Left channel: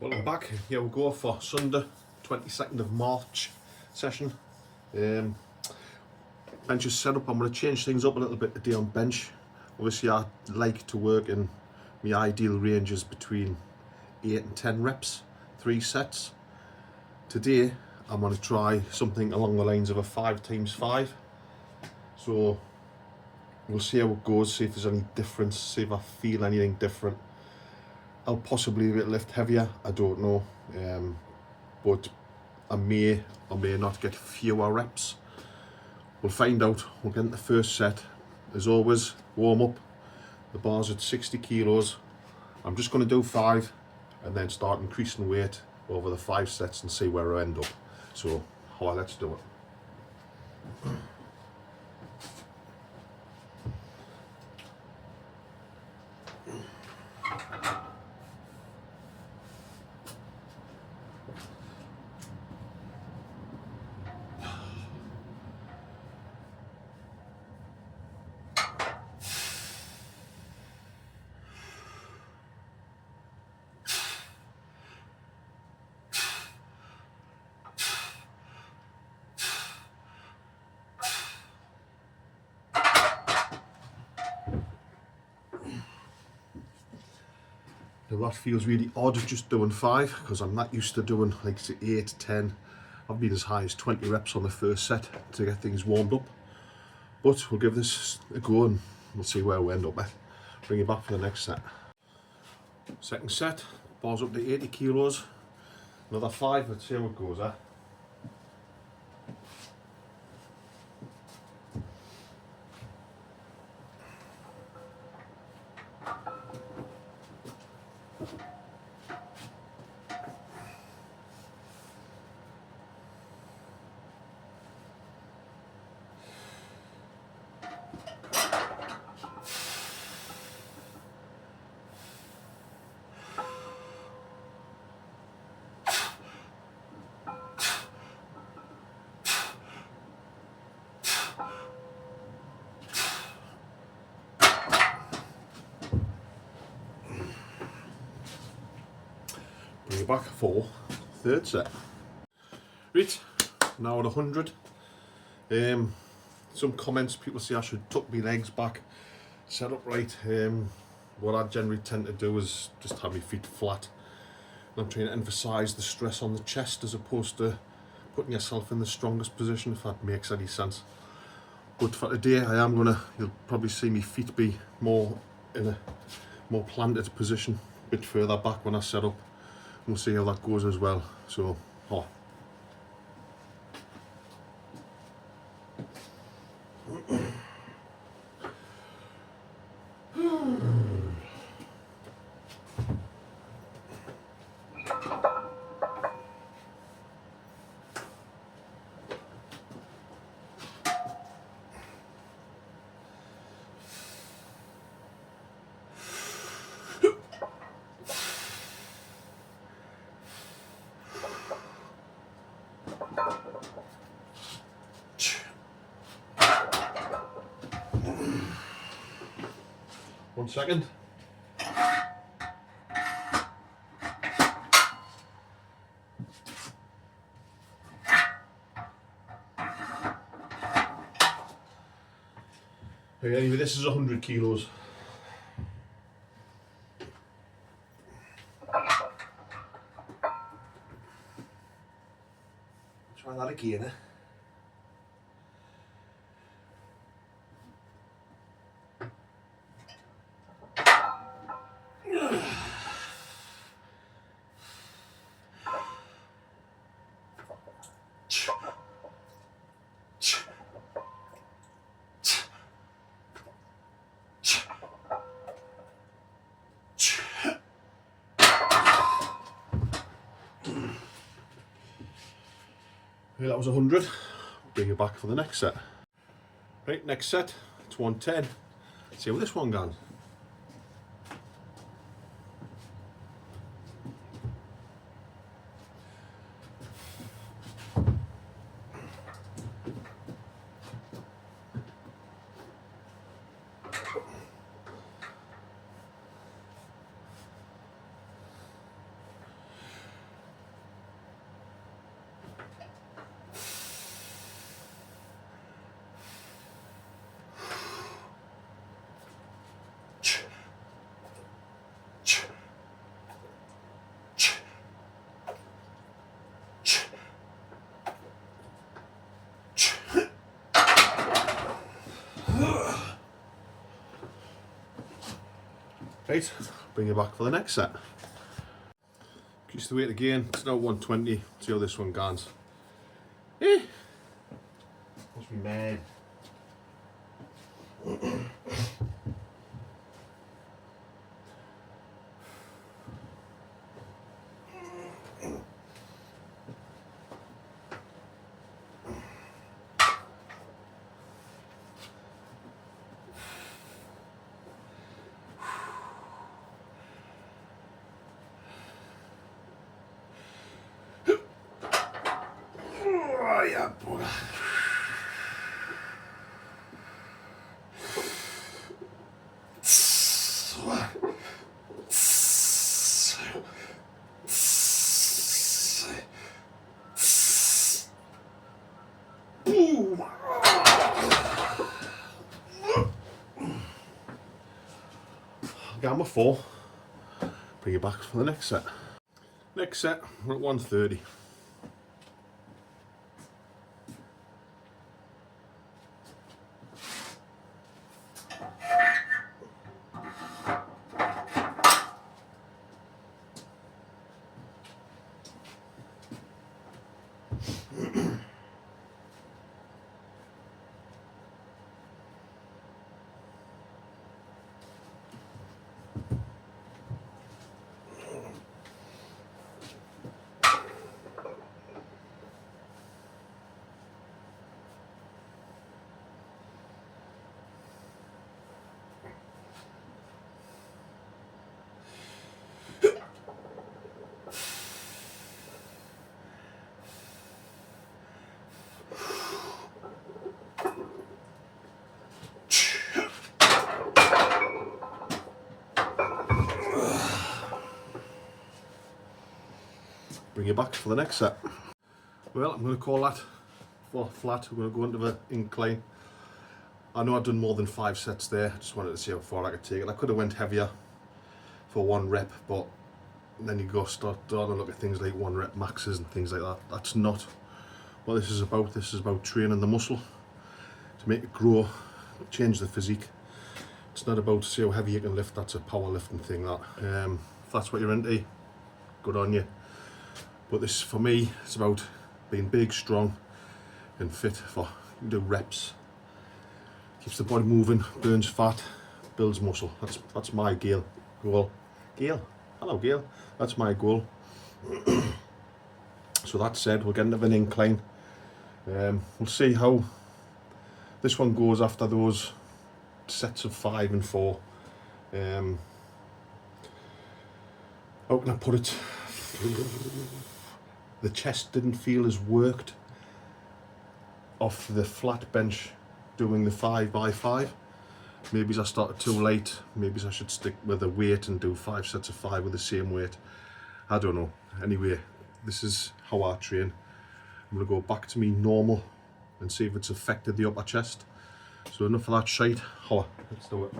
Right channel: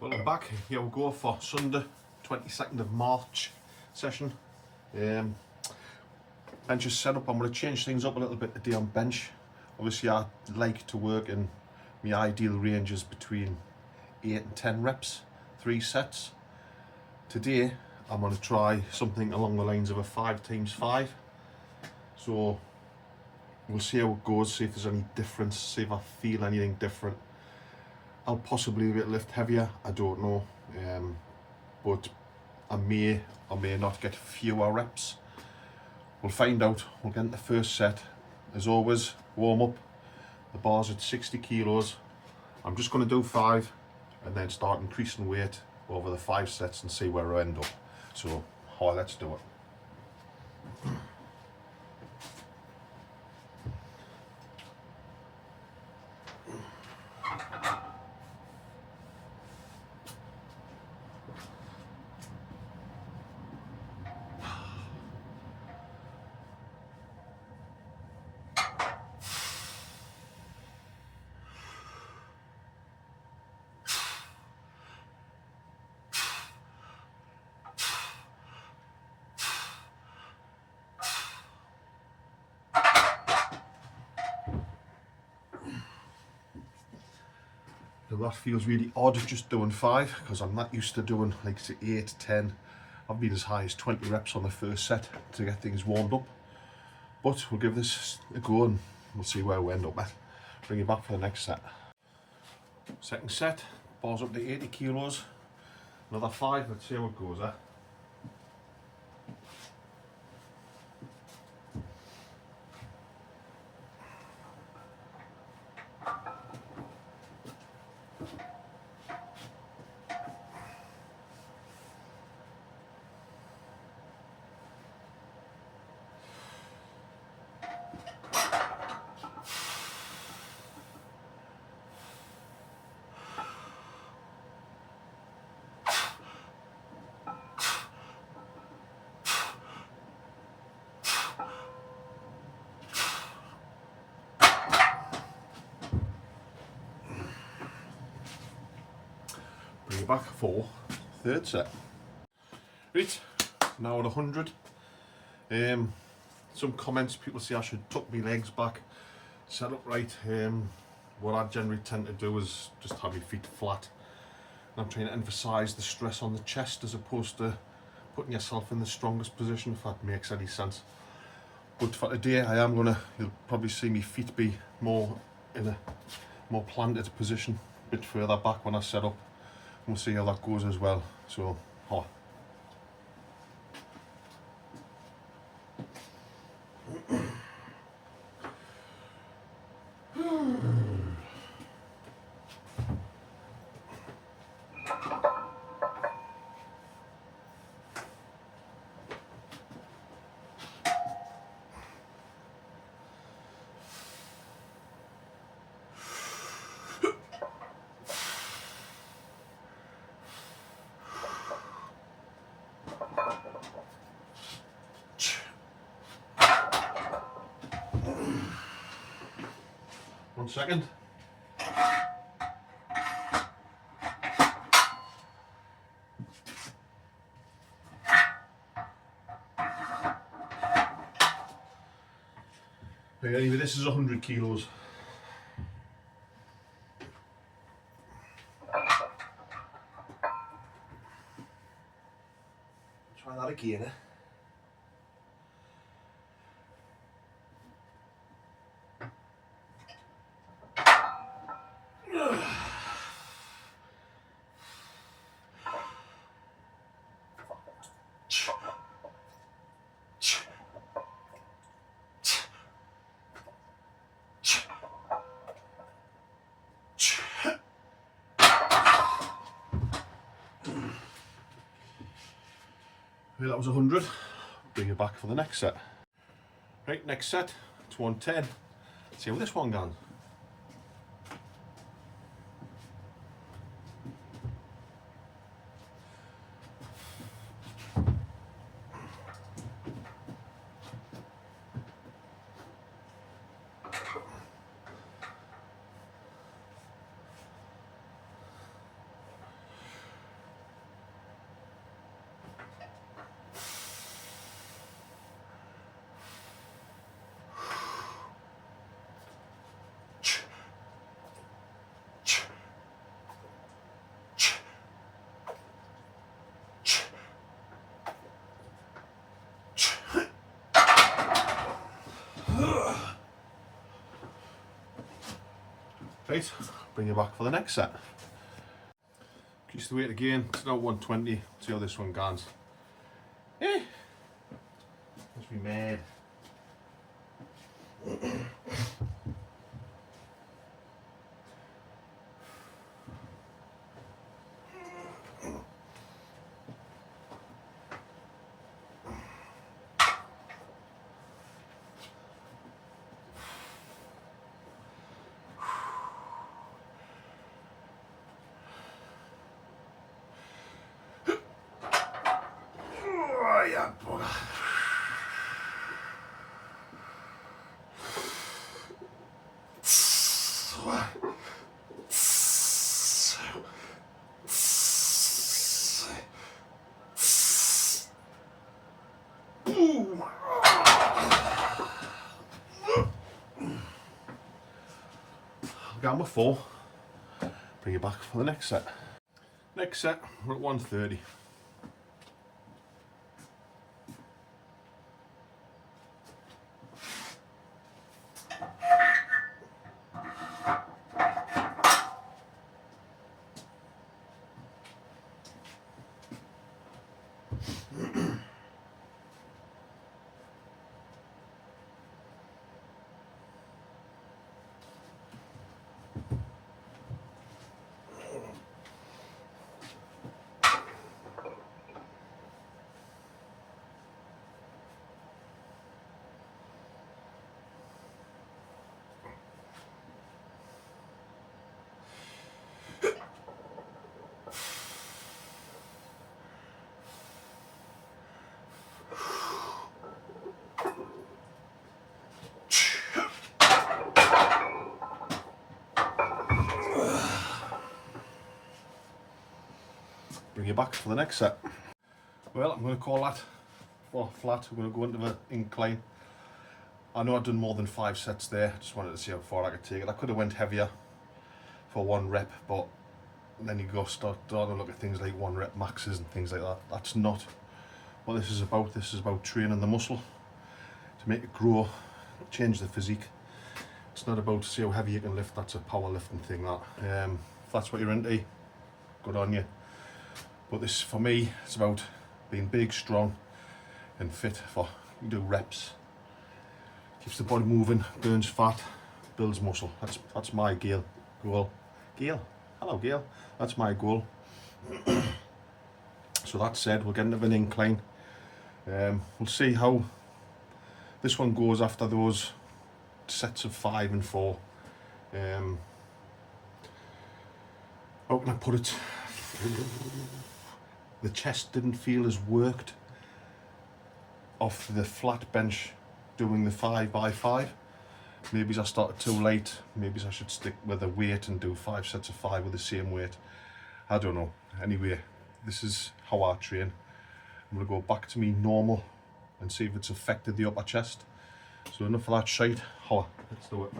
Welcome back. Here we go for Sunday, 22nd of March session. Bench is set up. I'm going to change things up a little bit today on bench. Obviously I like to work in my ideal ranges between 8 and 10 reps, 3 sets. Today I'm going to try something along the lines of a 5x5. So we'll see how it goes, see if there's any difference, see if I feel anything different. I'll possibly lift heavier, I don't know, but I may or may not get fewer reps. We'll find out. We'll get into the first set. As always, warm up, the bar's at 60 kilos. I'm just going to do 5 and then start increasing weight over the 5 sets and see where I end up. So, let's do it. Now that feels really odd just doing 5 because I'm not used to doing like 8, 10. I've been as high as 20 reps on the first set to get things warmed up. But we'll give this a go and we'll see where we end up at. Bring it back for the next set. Second set, bar's up to 80 kilos. Another 5, let's see how it goes, eh? Bring it back for third set. Right, now at 100. Some comments, people say I should tuck my legs back, set up right. What I generally tend to do is just have my feet flat. And I'm trying to emphasise the stress on the chest as opposed to putting yourself in the strongest position, if that makes any sense. But for today, you'll probably see my feet be more in a more planted position, a bit further back when I set up. We'll see how that goes as well. So, one second. Okay, anyway, this is 100 kilos. Try that again, eh? Okay, that was 100. Bring it back for the next set. Right, next set, it's 110. Let's see how this one goes. Right, bring you back for the next set. Increase the weight again, it's now 120, see how this one goes. Eh, must be mad. Oh, yeah, bugger. Gamma 4. Bring it back for the next set. Next set, we're at 130. Bring you back for the next set. Well, I'm going to call that for flat. We're going to go into the incline. I know I've done more than 5 sets there. Just wanted to see how far I could take it. I could have went heavier for 1 rep, but then you go start to look at things like 1 rep maxes and things like that. That's not what this is about. This is about training the muscle to make it grow, change the physique. It's not about see how heavy you can lift. That's a powerlifting thing. That if that's what you're into, good on you. But this, for me, it's about being big, strong, and fit for you do reps. Keeps the body moving, burns fat, builds muscle. That's my goal. Gail, hello Gail. That's my goal. So that said, we'll get into an incline. We'll see how this one goes after those sets of 5 and 4. How can I put it? The chest didn't feel as worked off the flat bench doing the 5x5. Maybe I started too late. Maybe I should stick with a weight and do 5 sets of 5 with the same weight. I don't know. Anyway, this is how I train. I'm going to go back to me normal and see if it's affected the upper chest. So enough of that shite. Holla, let's do it.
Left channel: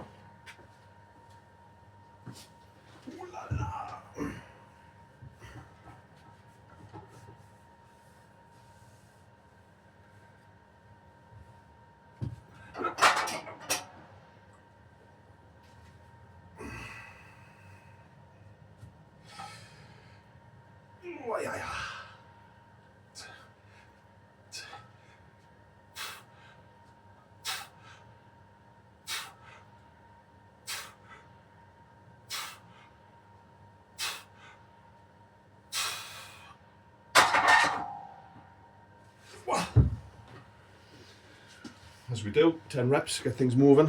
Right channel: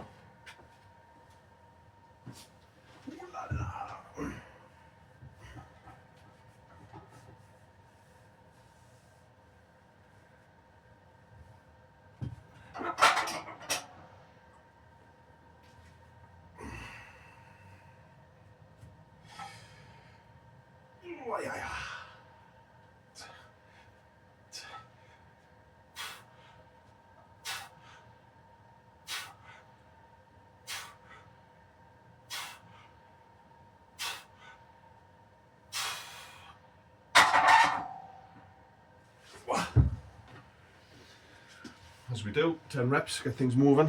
As we do, 10 reps, get things moving.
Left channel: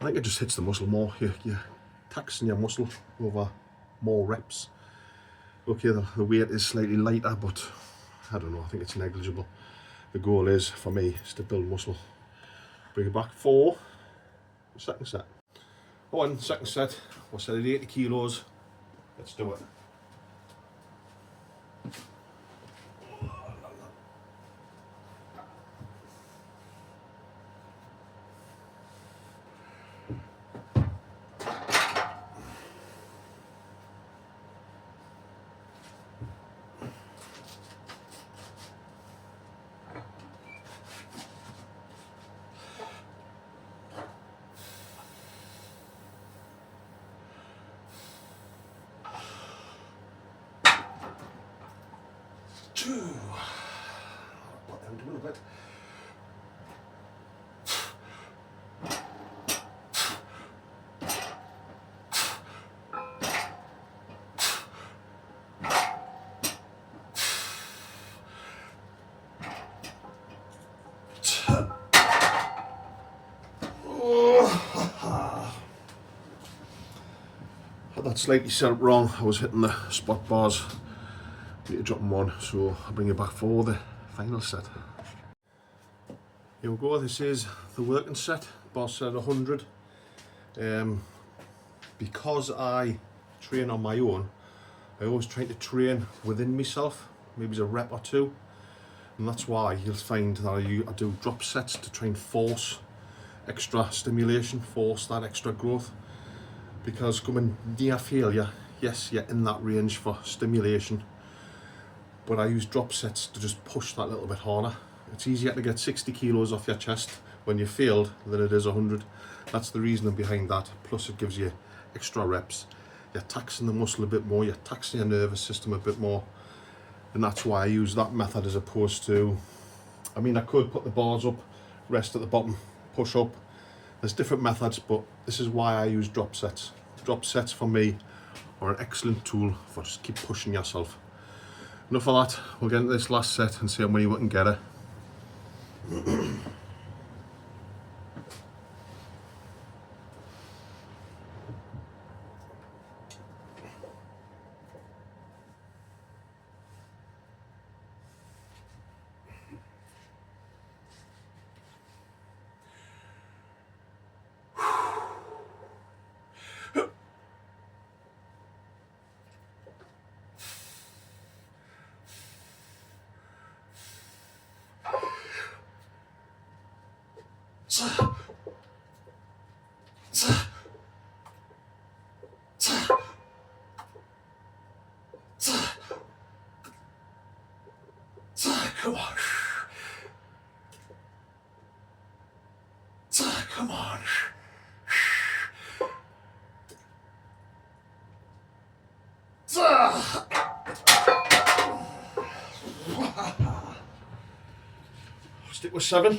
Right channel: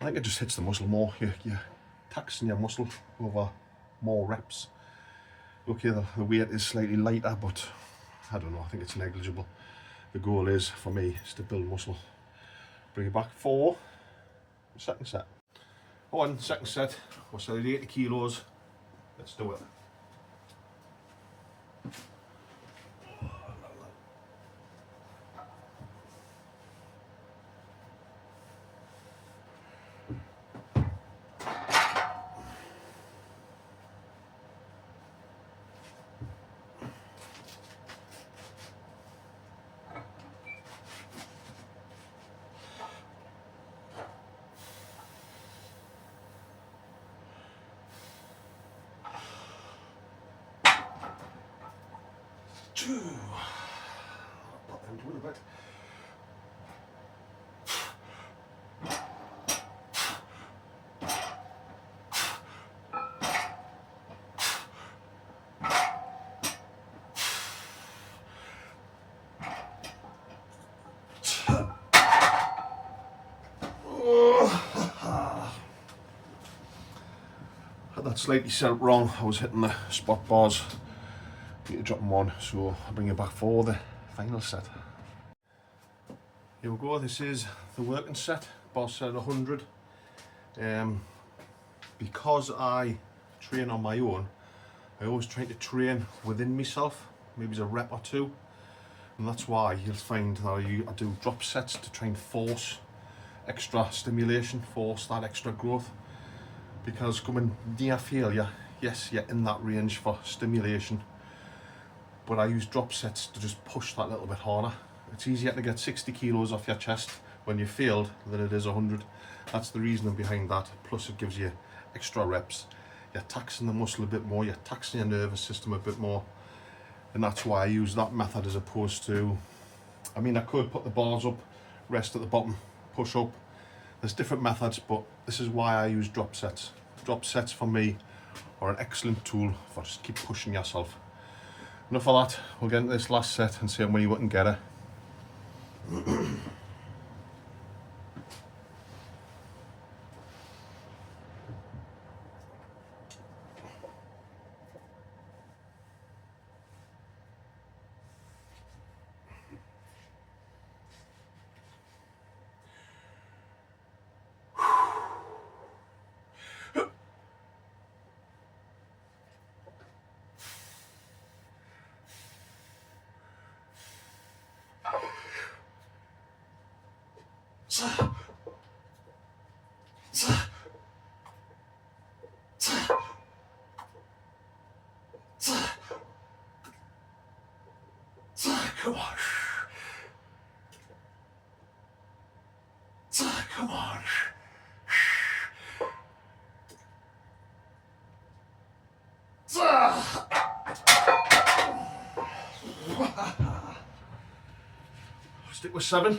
I think it just hits the muscle more. You're taxing your muscle over more reps. Okay, the weight is slightly lighter, but I don't know, I think it's negligible. The goal is, for me, is to build muscle. Bring it back for the second set. On second set, we're set at 80 kilos. Let's do it. Put them doing a bit. Had that slightly set up wrong. I was hitting the spot bars. Need to drop them on, so I'll bring you back for the final set. Here we go. This is the working set. Bar set 100. Because I train on my own, I always try to train within myself, maybe it's a rep or two, and that's why you'll find that I do drop sets to try and force extra stimulation, force that extra growth, because coming near failure, yes, you're in that range for stimulation, but I use drop sets to just push that little bit harder. It's easier to get 60 kilos off your chest when you failed than it is 100. That's the reasoning behind that. Plus it gives you extra reps. You're taxing the muscle a bit more, you're taxing your nervous system a bit more. And that's why I use that method as opposed to, I mean, I could put the bars up, rest at the bottom, push up. There's different methods, but this is why I use drop sets. Drop sets for me are an excellent tool for just keep pushing yourself. Enough of that, we'll get into this last set and see how many we can get it. Come on. Come on. Stick with 7.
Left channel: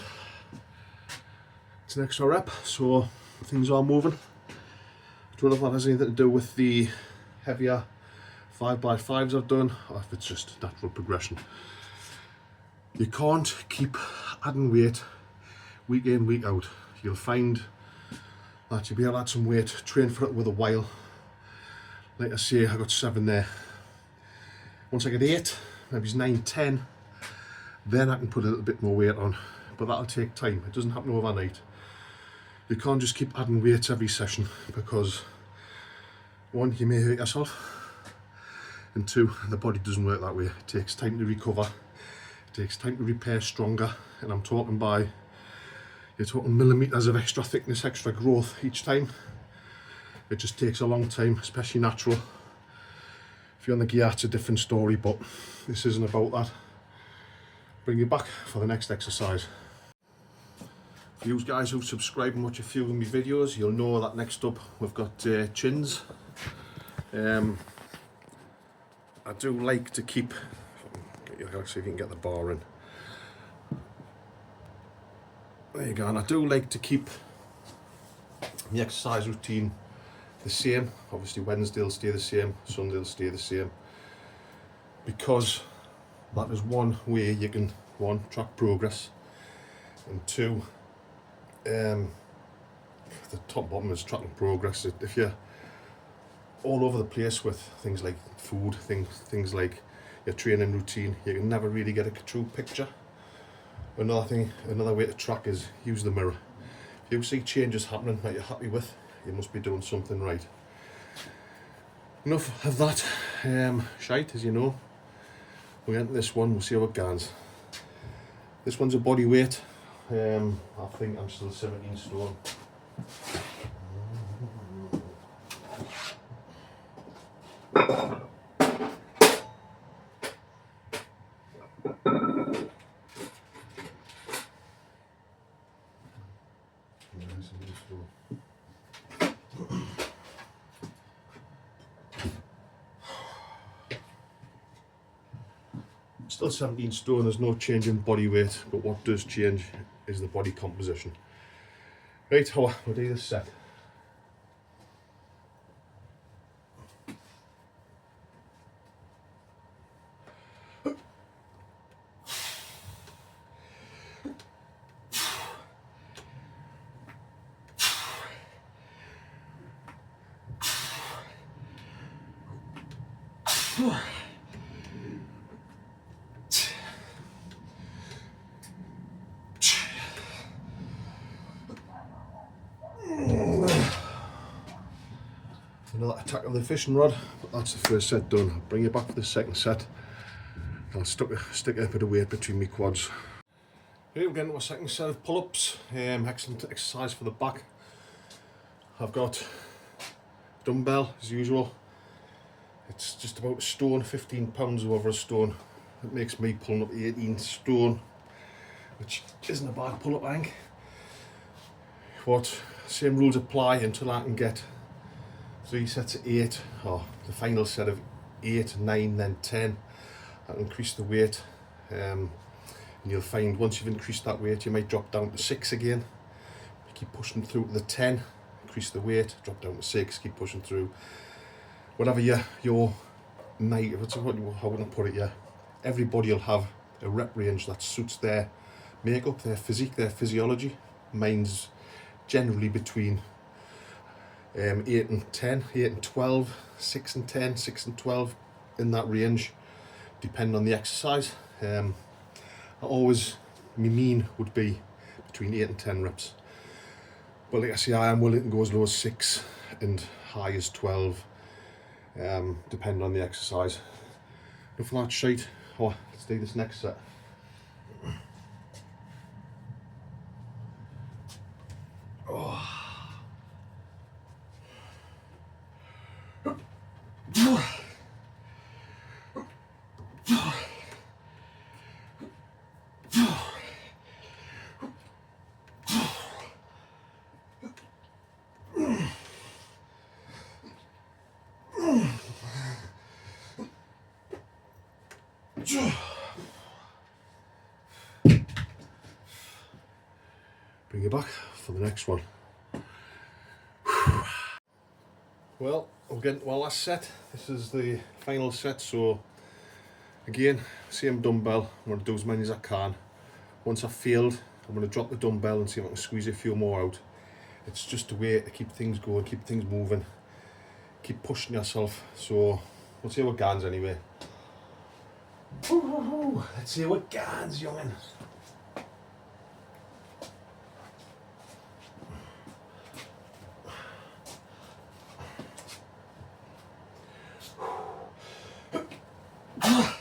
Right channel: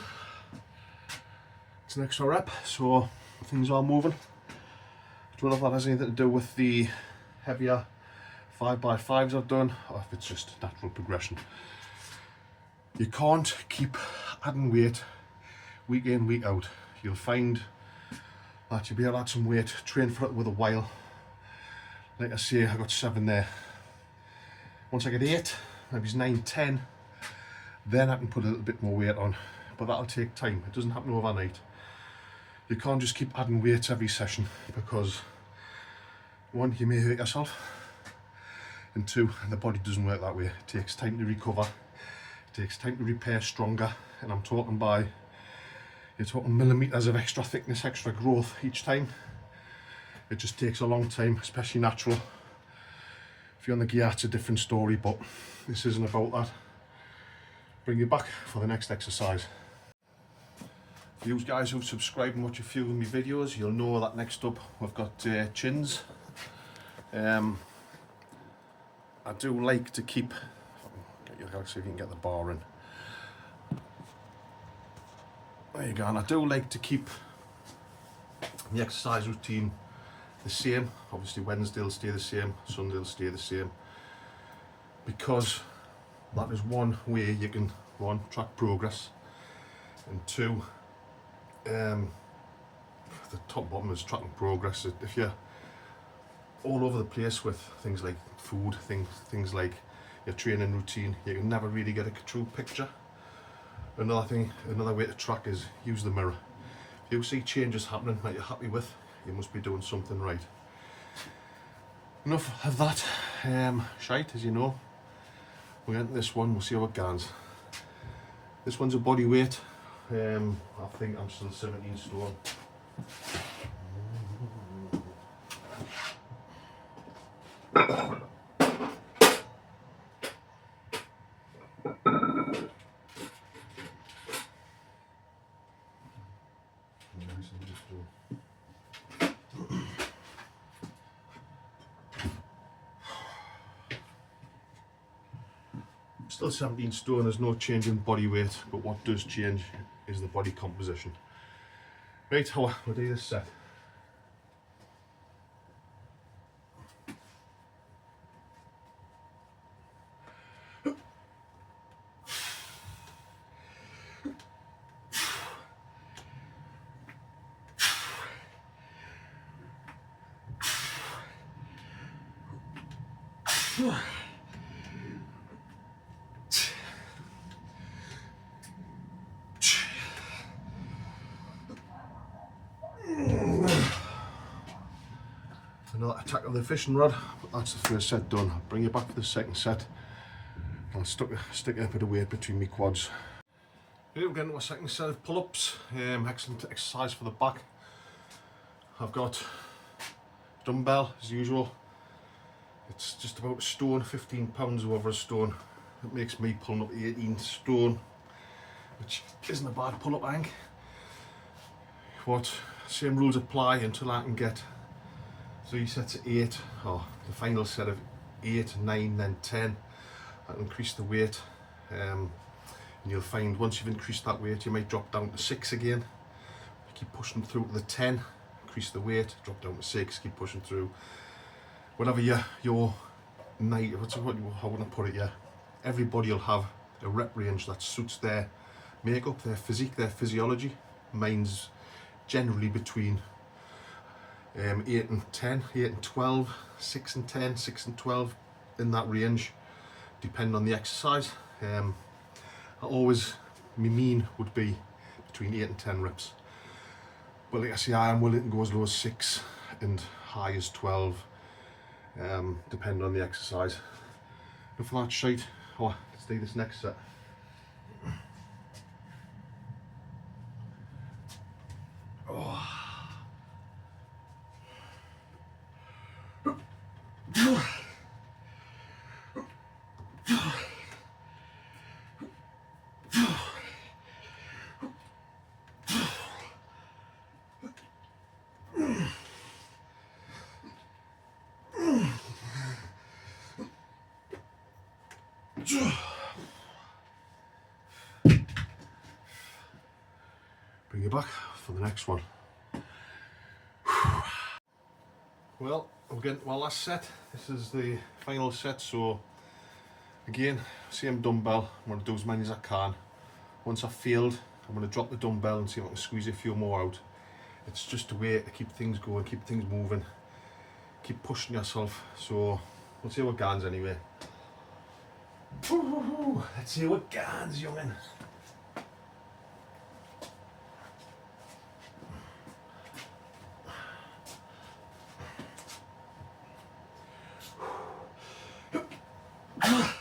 It's an extra rep, so things are moving. I don't know if that has anything to do with the heavier 5x5s I've done, or if it's just natural progression. You can't keep adding weight week in, week out. You'll find that you'll be able to add some weight, train for it with a while. Like I say, I got 7 there. Once I get 8, maybe it's 9, 10, then I can put a little bit more weight on. But that'll take time. It doesn't happen overnight. You can't just keep adding weights every session because 1, you may hurt yourself, and 2, the body doesn't work that way. It takes time to recover. It takes time to repair stronger, and I'm talking by, you're talking millimeters of extra thickness, extra growth each time. It just takes a long time, especially natural. If you're on the gear, it's a different story, but this isn't about that. Bring you back for the next exercise. For you guys who subscribe and watch a few of my videos, you'll know that next up we've got chins. I do like to keep, let's see if you can get the bar in. There you go, and I do like to keep the exercise routine the same. Obviously Wednesday will stay the same, Sunday will stay the same, because that is one way you can, 1, track progress, and 2, the top bottom is tracking progress. If you're all over the place with things like food, things like your training routine, you can never really get a true picture. Another way to track is use the mirror. If you see changes happening that you're happy with, you must be doing something right. Enough of that shite, as you know. We'll get into this one, we'll see how it goes. This one's a body weight. I think I'm still 17 stone. Still 17 stone, there's no change in body weight, but what does change is the body composition. Right, we'll do this set. Another attack of the fishing rod, but that's the first set done. I'll bring you back for the second set. I'll stick a bit of weight between my quads. Right, we're getting to a second set of pull-ups. Excellent exercise for the back. I've got dumbbell as usual. It's just about a stone, 15 pounds over a stone. It makes me pulling up 18 stone, which isn't a bad pull-up, I think. But same rules apply until I can get 3 sets of 8, or the final set of 8, 9, then 10. I'll increase the weight, and you'll find once you've increased that weight, you might drop down to 6 again. Keep pushing through to the 10, increase the weight, drop down to 6, keep pushing through. Whatever your night, how would I put it? Yeah, everybody will have a rep range that suits their makeup, their physique, their physiology. Mine's generally between 8 and 10, 8 and 12, 6 and 10, 6 and 12, in that range, depending on the exercise. My mean would be between 8 and 10 reps. But like I say, I am willing to go as low as 6 and high as 12, depending on the exercise. Enough of that shite. Let's do this next set. Bring you back for the next one. Well, we're getting to our last set. This is the final set, so again, same dumbbell. I'm going to do as many as I can. Once I've failed, I'm going to drop the dumbbell and see if I can squeeze a few more out. It's just a way to keep things going, keep things moving, keep pushing yourself. So we'll see how it goes anyway. Let's see how it goes, youngin'. Come on.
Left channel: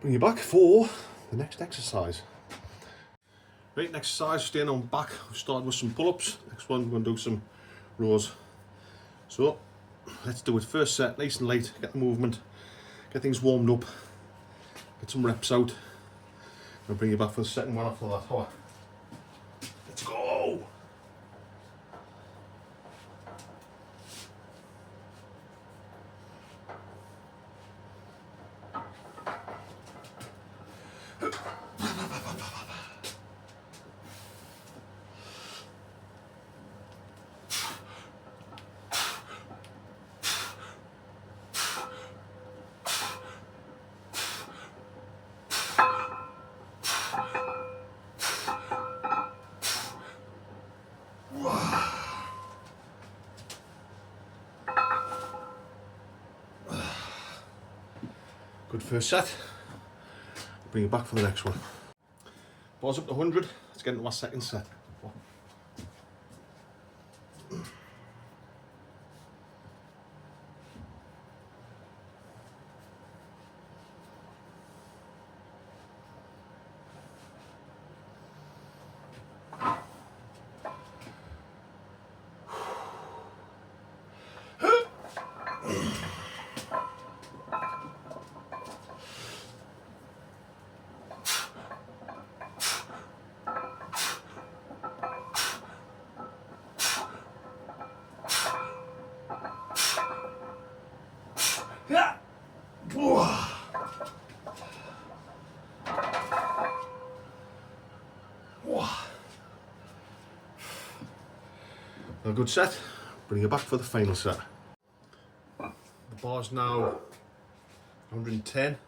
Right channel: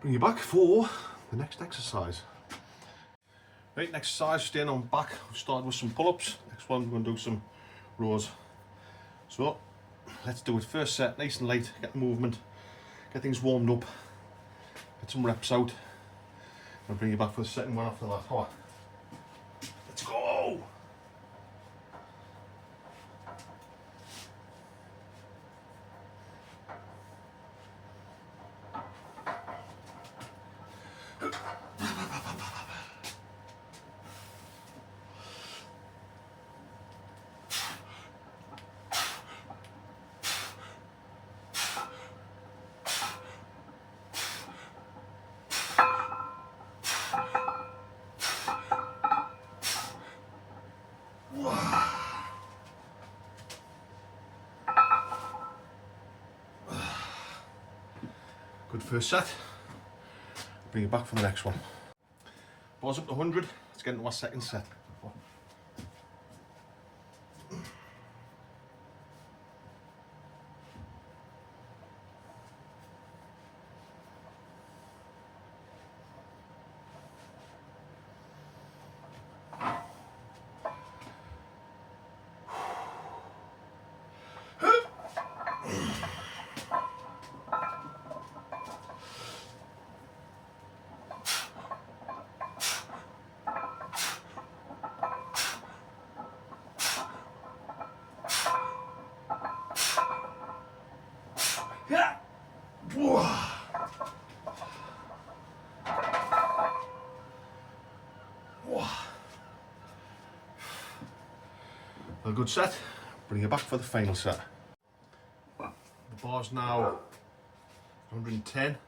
Bring you back for the next exercise. Right, next exercise, staying on back. We've started with some pull-ups. Next one, we're going to do some rows. So let's do it. First set, nice and light, get the movement, get things warmed up, get some reps out. I'll bring you back for the second one after that. Let's go! Good first set. Bring it back for the next one. Bars up to 100. Let's get into our second set. Yeah. Whoa. Whoa. A good set. Bring it back for the final set. The bar's now 110.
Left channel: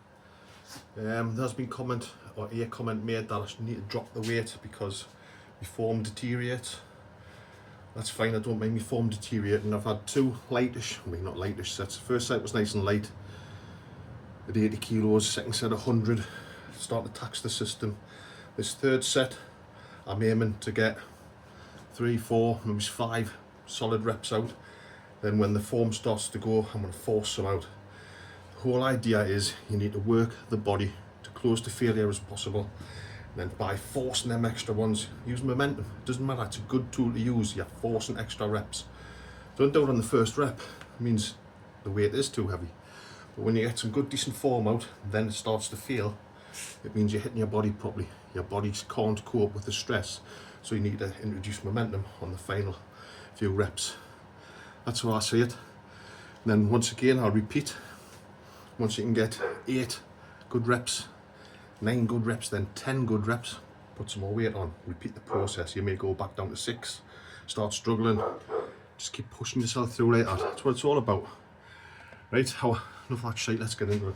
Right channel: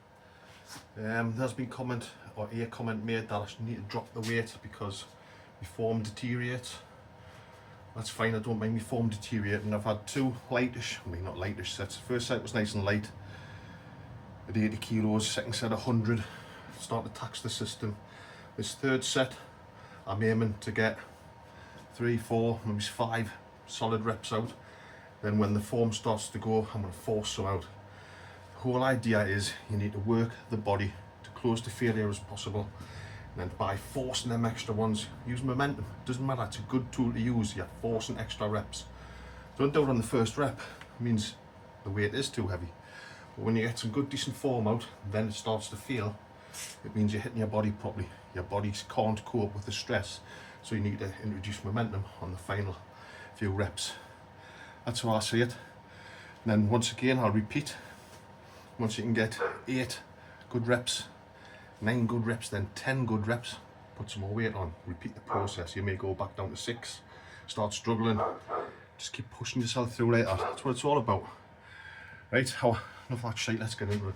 There's been comment or a comment made that I need to drop the weight because my form deteriorates. That's fine, I don't mind my form deteriorating. I've had two lightish, I mean not lightish sets. The first set was nice and light at 80 kilos, second set 100, start to tax the system. This third set, I'm aiming to get 3, 4, maybe 5 solid reps out. Then when the form starts to go, I'm going to force some out. The whole idea is you need to work the body to close to failure as possible. And then by forcing them extra ones, use momentum. It doesn't matter, it's a good tool to use. You're forcing extra reps. Don't do it on the first rep. It means the weight is too heavy. But when you get some good decent form out, then it starts to feel, it means you're hitting your body properly. Your body can't cope with the stress. So you need to introduce momentum on the final few reps. That's how I see it. And then once again, I'll repeat. Once you can get 8 good reps, 9 good reps, then 10 good reps, put some more weight on, repeat the process. You may go back down to 6, start struggling, just keep pushing yourself through like that. That's what it's all about. Right, enough of that shite, let's get into it.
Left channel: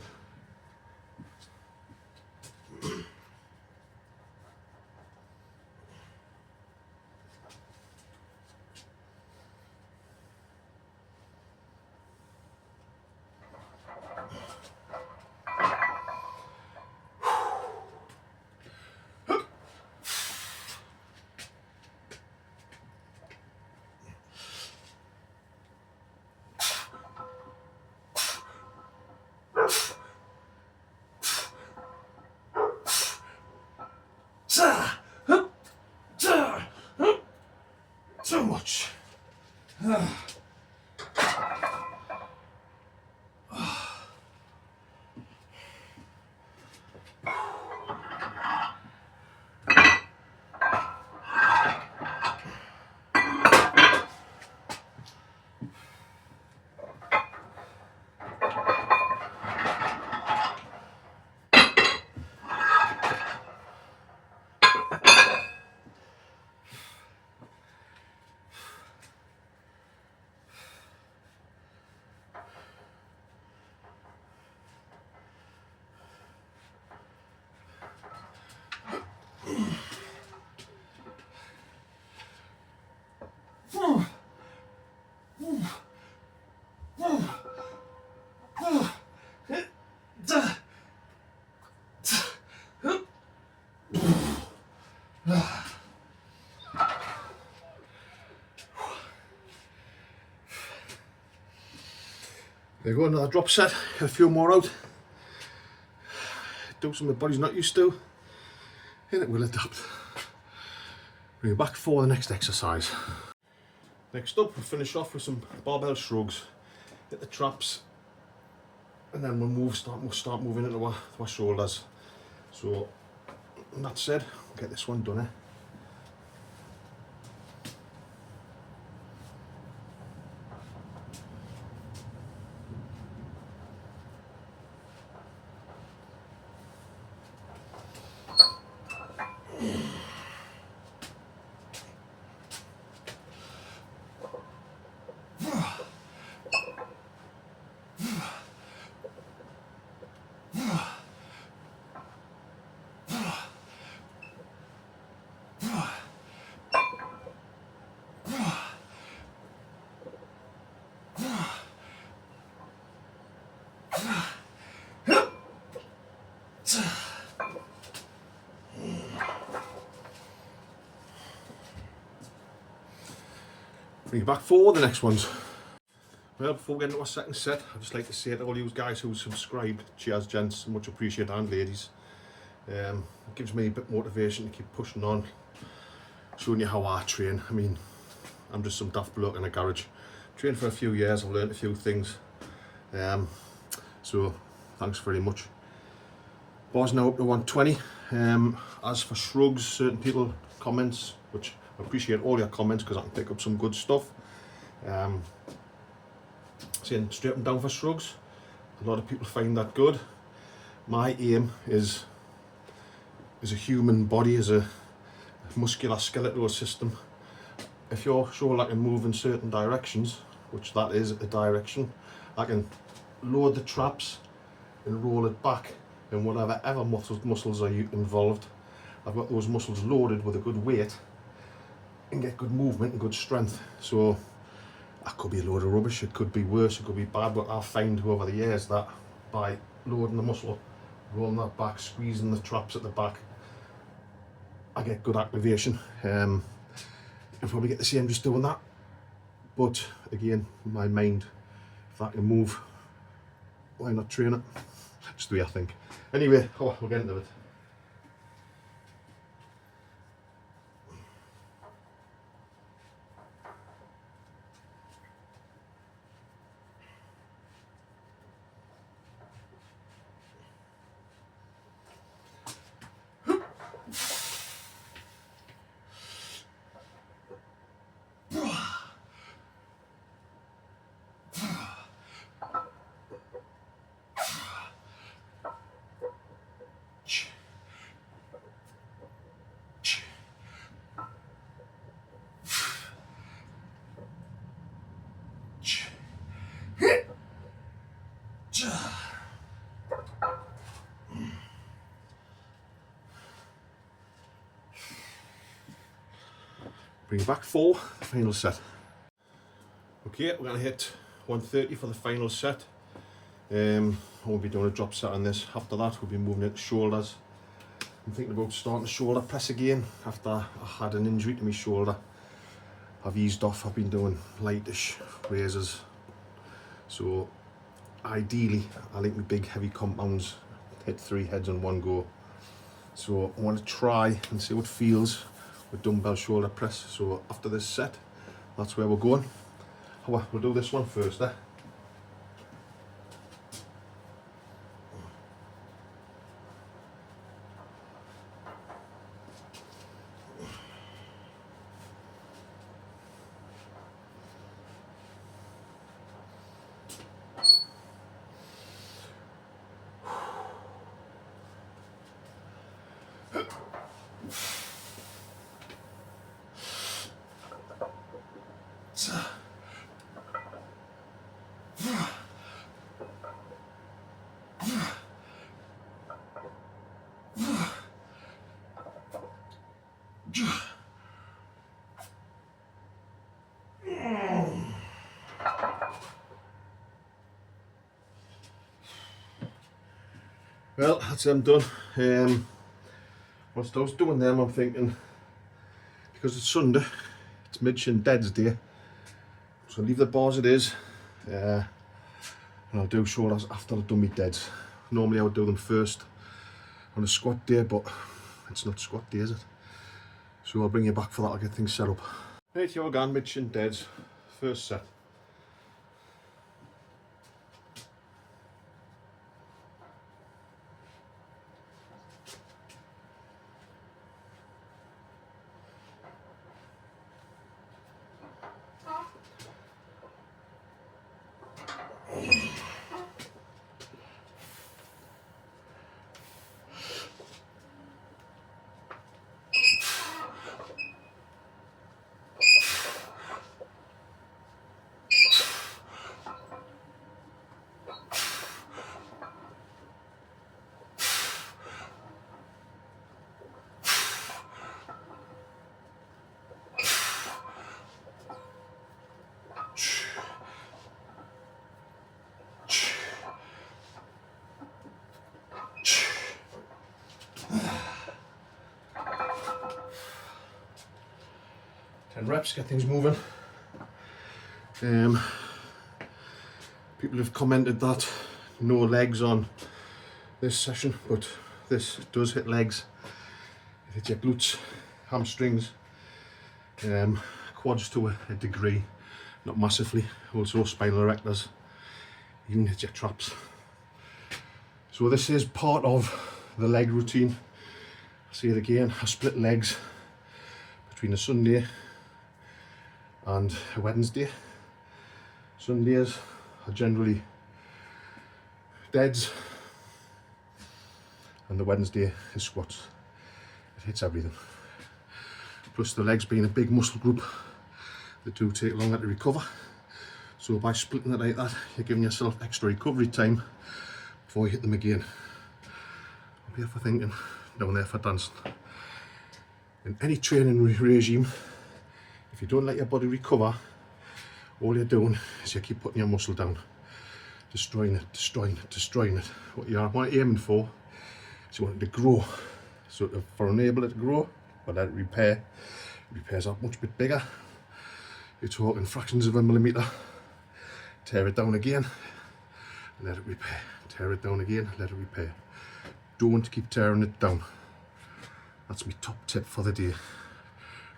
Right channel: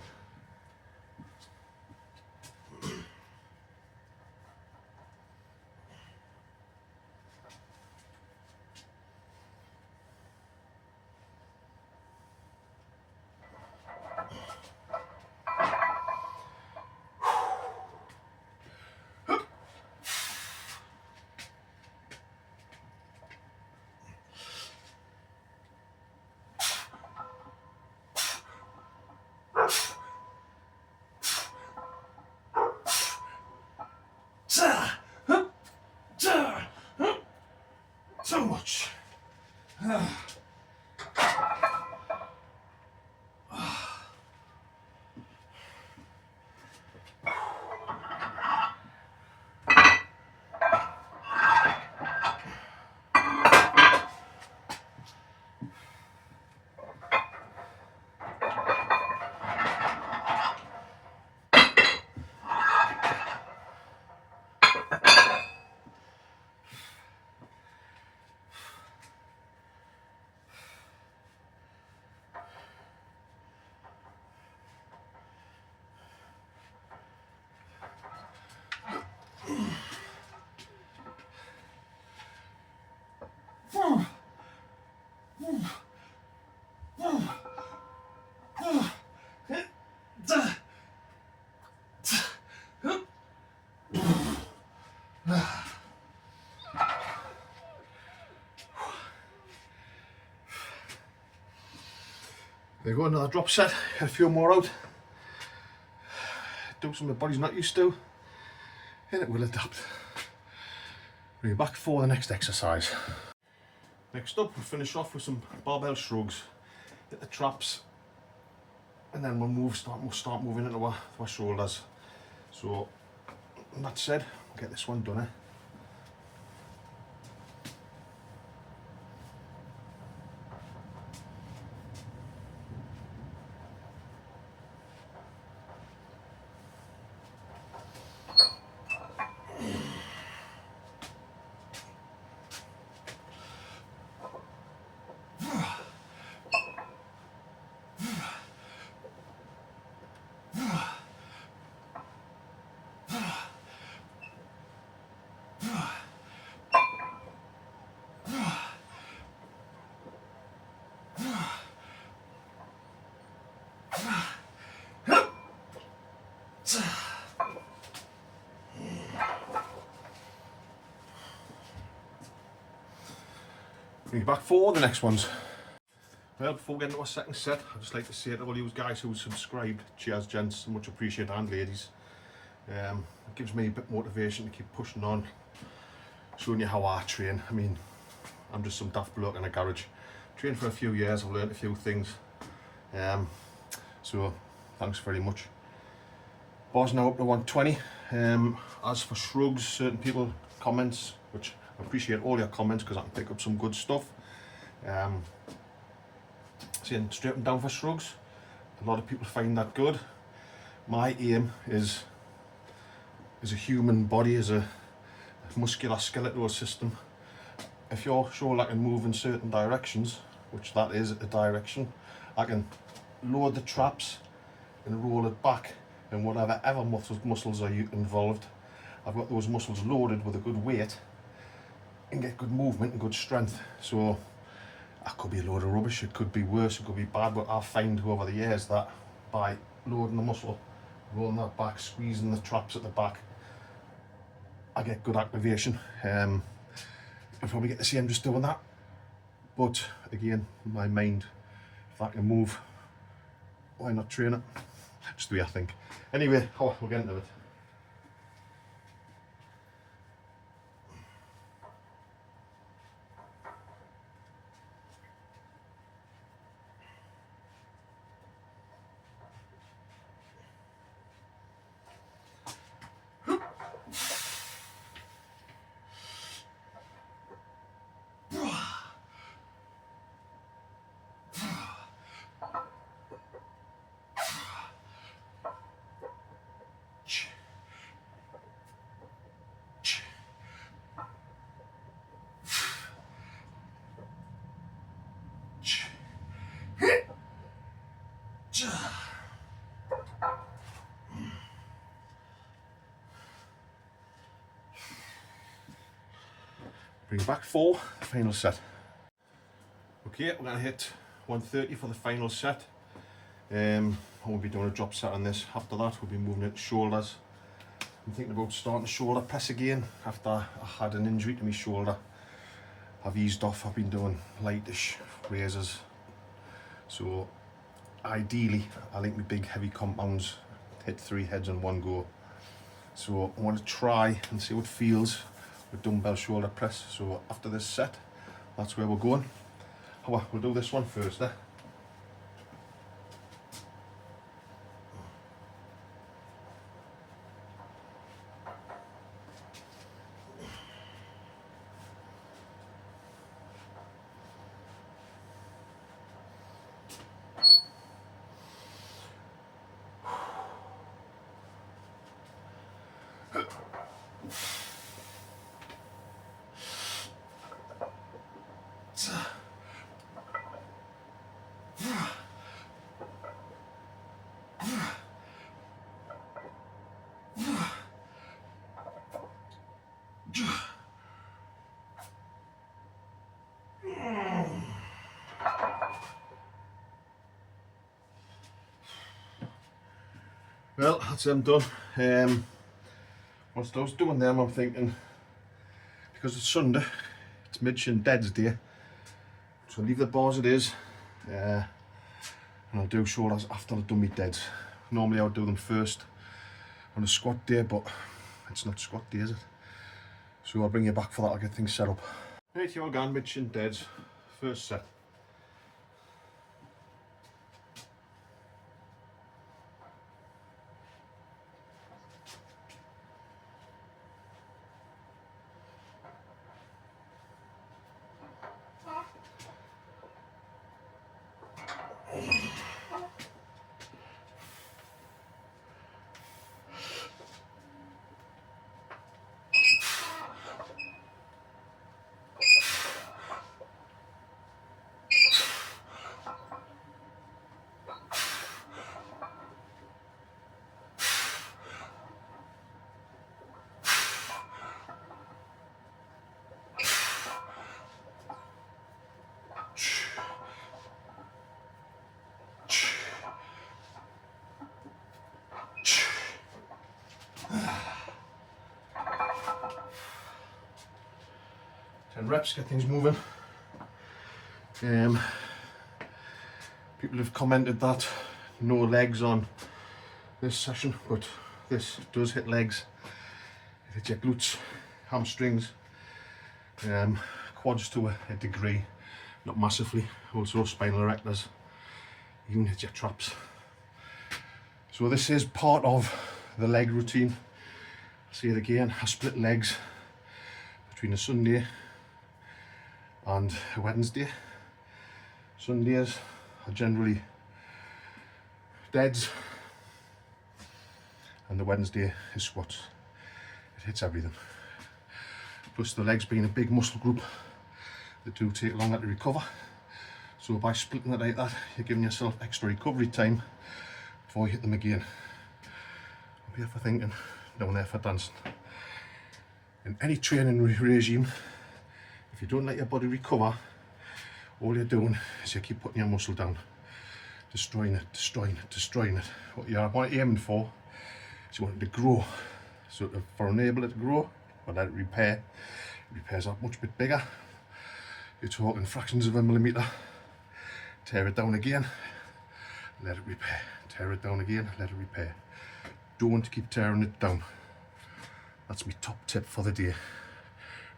So much. There you go, another drop set, a few more out. Do something the body's not used to, and it will adapt. Bring it back for the next exercise. Next up, we'll finish off with some barbell shrugs. Hit the traps, and then we'll start moving into our shoulders. So, that said, we'll get this one done, eh? Bring it back for the next ones. Well, before we get into our second set, I'd just like to say to all you guys who subscribed, cheers gents, much appreciated, and ladies. It gives me a bit of motivation to keep pushing on, showing you how I train. I mean, I'm just some daft bloke in a garage. Trained for a few years, I've learned a few things. So, thanks very much. Bar's now up to 120. As for shrugs, certain people comments, which I appreciate all your comments because I can pick up some good stuff. Saying straight them down for shrugs. A lot of people find that good. My aim is a human body, as a muscular skeletal system. If your shoulder can move in certain directions, which that is a direction, I can load the traps and roll it back, and whatever muscles are involved, I've got those muscles loaded with a good weight and get good movement and good strength. So that could be a load of rubbish, it could be worse, it could be bad, but I find over the years that by loading the muscle, rolling that back, squeezing the traps at the back, I get good activation. You'll probably get the same just doing that, but again, my mind, if I can move, why not train it? Just the way I think. Anyway, we'll get into it. Bring back 4, final set. Okay, we're going to hit 130 for the final set. I won't be doing a drop set on this. After that, we'll be moving into shoulders. I'm thinking about starting shoulder press again after I had an injury to my shoulder. I've eased off, I've been doing lightish raises. So ideally, I like my big heavy compounds hit 3 heads on one go. So I want to try and see what it feels with dumbbell shoulder press. So after this set, that's where we're going. We'll do this one first. Well, that's them done. Whilst I was doing them, I'm thinking, because it's Sunday, it's mid-shin deads day, so I'll leave the bars it is, and I'll do shoulders after I've done my deads. Normally I would do them first on a squat day, but it's not squat day, is it? So I'll bring you back for that, I'll get things set up. Right, here again, mid-shin deads, first set. Reps, get things moving. People have commented that no legs on this session, but this does hit legs. It hits your glutes, hamstrings, quads to a degree, not massively, also spinal erectors, even hits your traps. So this is part of the leg routine. I'll say it again, I split legs between a Sunday and a Wednesday. Sundays I generally deads, and the Wednesday is squats. It hits everything. Plus the legs being a big muscle group, they do take longer to recover. So by splitting it like that, you're giving yourself extra recovery time before you hit them again. Up here for thinking, down there for dancing. In any training regime, if you don't let your body recover, all you're doing is you keep putting your muscle down, destroying it, destroying it, destroying it. What you're aiming for is you want it to grow. So for enable it to grow, but let it repair. It repairs that much bit bigger. You're talking fractions of a millimetre. Tear it down again, let it repair. Tear it down again, let it repair. Don't keep tearing it down. That's my top tip for the day.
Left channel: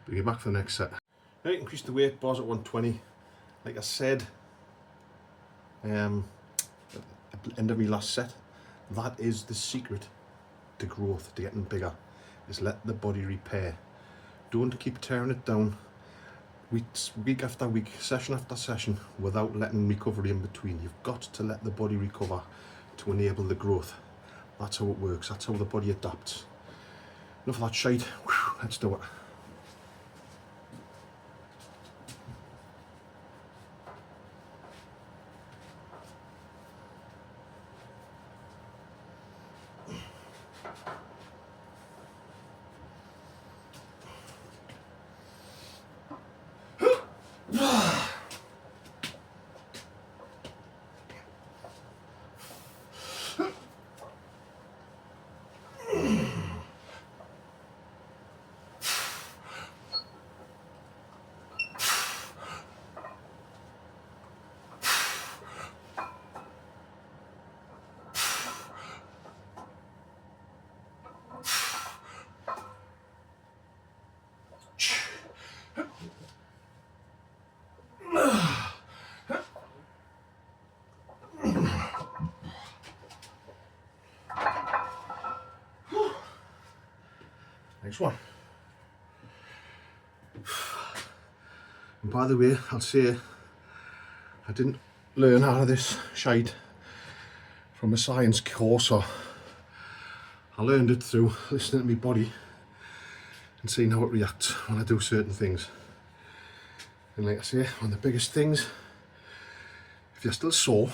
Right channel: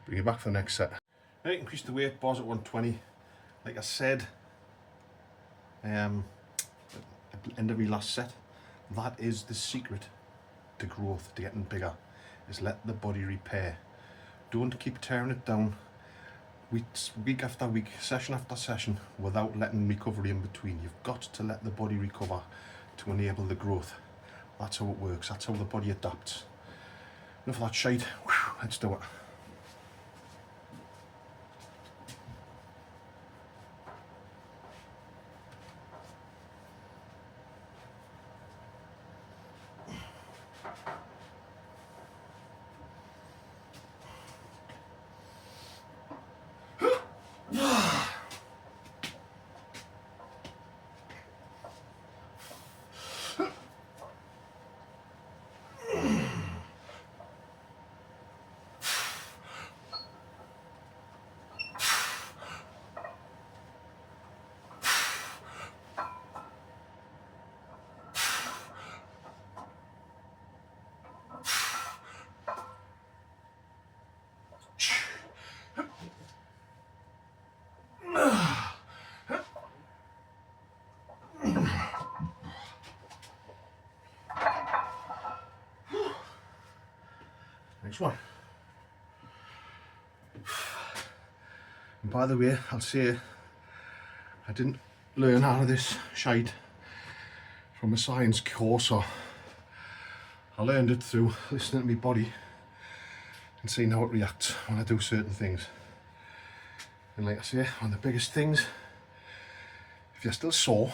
Bring it back for the next set. Now you increase the weight, bars at 120. Like I said, at the end of my last set, that is the secret to growth, to getting bigger, is let the body repair. Don't keep tearing it down week after week, session after session, without letting recovery in between. You've got to let the body recover to enable the growth. That's how it works, that's how the body adapts. Enough of that shite, let's do it. Next one. And by the way, I'll say I didn't learn out of this shite from a science course, or I learned it through listening to my body and seeing how it reacts when I do certain things. And like I say, one of the biggest things, if you're still sore,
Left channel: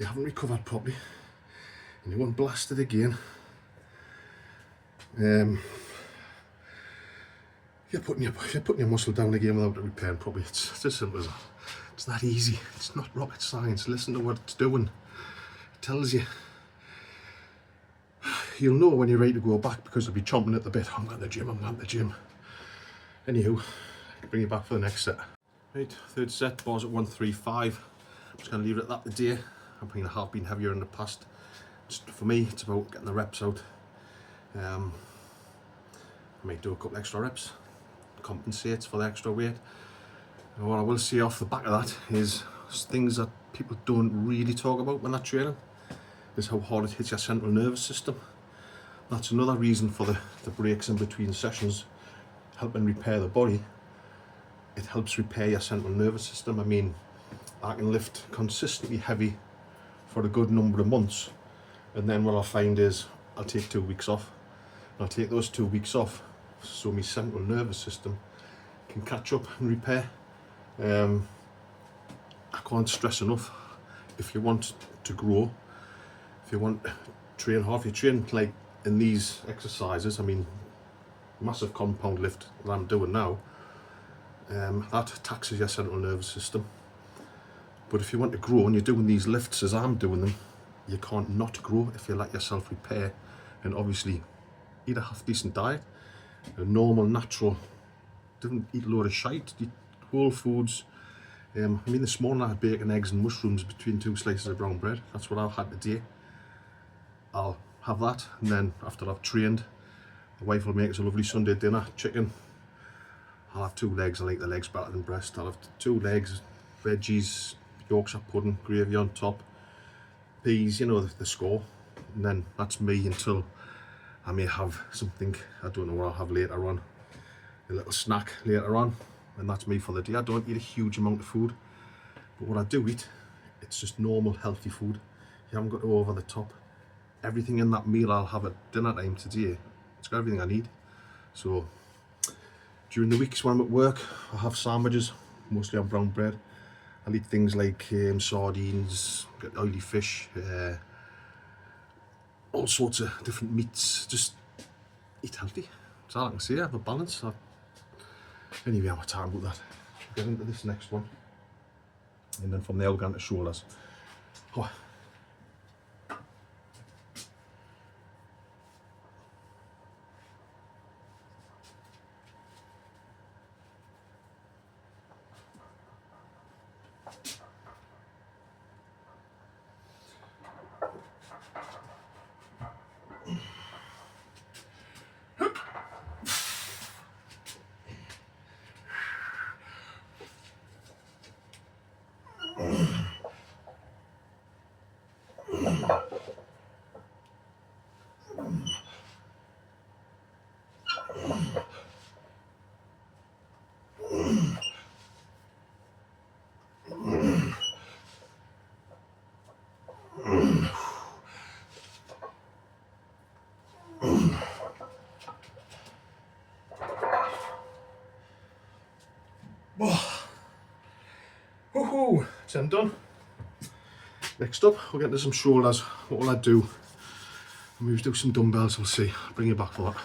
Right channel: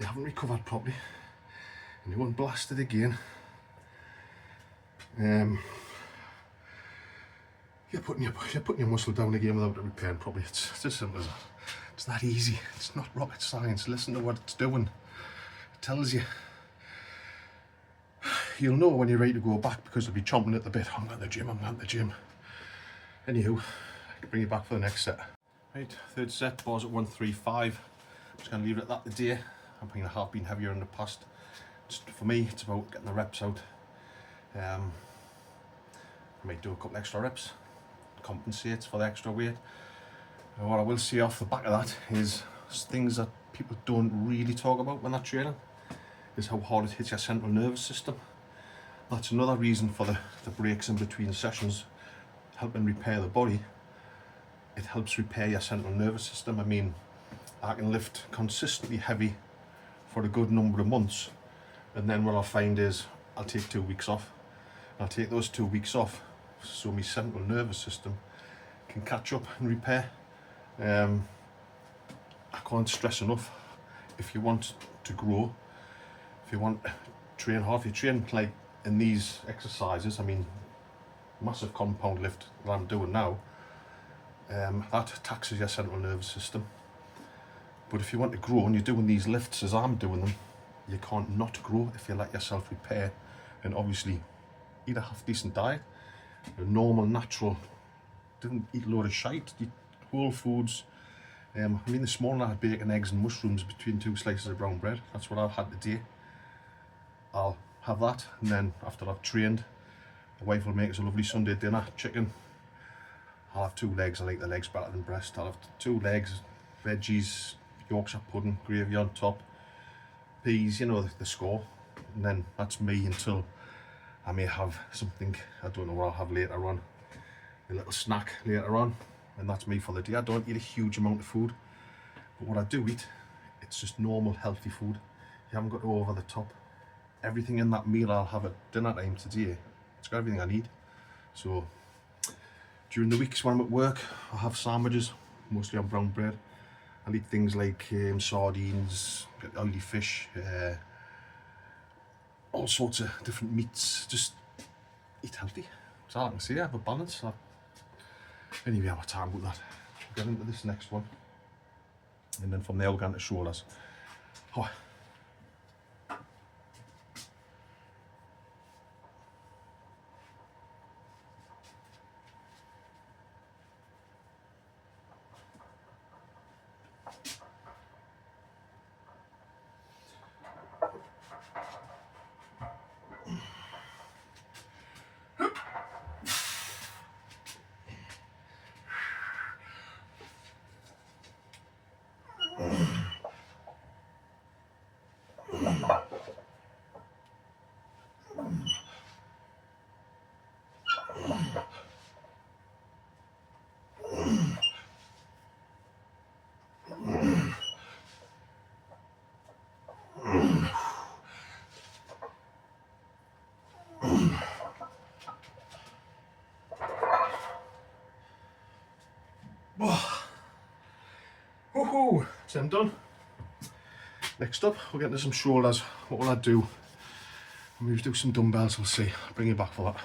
you haven't recovered properly, and you want blasted again, you're putting your muscle down again without it repairing properly. It's as simple as that. It's that easy. It's not rocket science. Listen to what it's doing. It tells you. You'll know when you're ready to go back, because you'll be chomping at the bit. I'm going to the gym, I'm going to the gym. Anywho, I can bring you back for the next set. Right, third set, bars at 135. I'm just going to leave it at that today. I'm thinking I have been heavier in the past. Just for me, it's about getting the reps out. I might do a couple extra reps, compensates for the extra weight. And what I will say off the back of that is things that people don't really talk about when they're training, is how hard it hits your central nervous system. That's another reason for the breaks in between sessions, helping repair the body. It helps repair your central nervous system. I mean, I can lift consistently heavy for a good number of months, and then what I'll find is I'll take 2 weeks off. I'll take those 2 weeks off so my central nervous system can catch up and repair. I can't stress enough, if you want to grow, if you want to train hard, if you train like in these exercises, I mean, massive compound lift that I'm doing now, that taxes your central nervous system. But if you want to grow and you're doing these lifts as I'm doing them, you can't not grow if you let yourself repair. And obviously eat a half decent diet, a normal, natural, don't eat a load of shite, eat whole foods. I mean, this morning I had bacon, eggs and mushrooms between 2 slices of brown bread. That's what I've had today. I'll have that, and then after I've trained, my wife will make us a lovely Sunday dinner, chicken. I'll have 2 legs, I like the legs better than breast. I'll have 2 legs, veggies, Yorkshire pudding, gravy on top, peas, you know, the score. And then that's me until I may have something, I don't know what I'll have later on, a little snack later on, and that's me for the day. I don't eat a huge amount of food, but what I do eat, it's just normal healthy food. haven't got to go over the top. Everything in that meal I'll have at dinner time today, it's got everything I need. So during the weeks when I'm at work, I have sandwiches, mostly on brown bread. I'll eat things like sardines, get oily fish, all sorts of different meats. Just eat healthy. That's all I can say. Have a balance. Anyway, I'm time about that. We'll get into this next one, and then from there we'll go into shoulders. Oh. Woohoo! So I'm done. Next up, we'll get into some shoulders. What will I do? I'll maybe do some dumbbells, we'll see. I'll bring you back for that.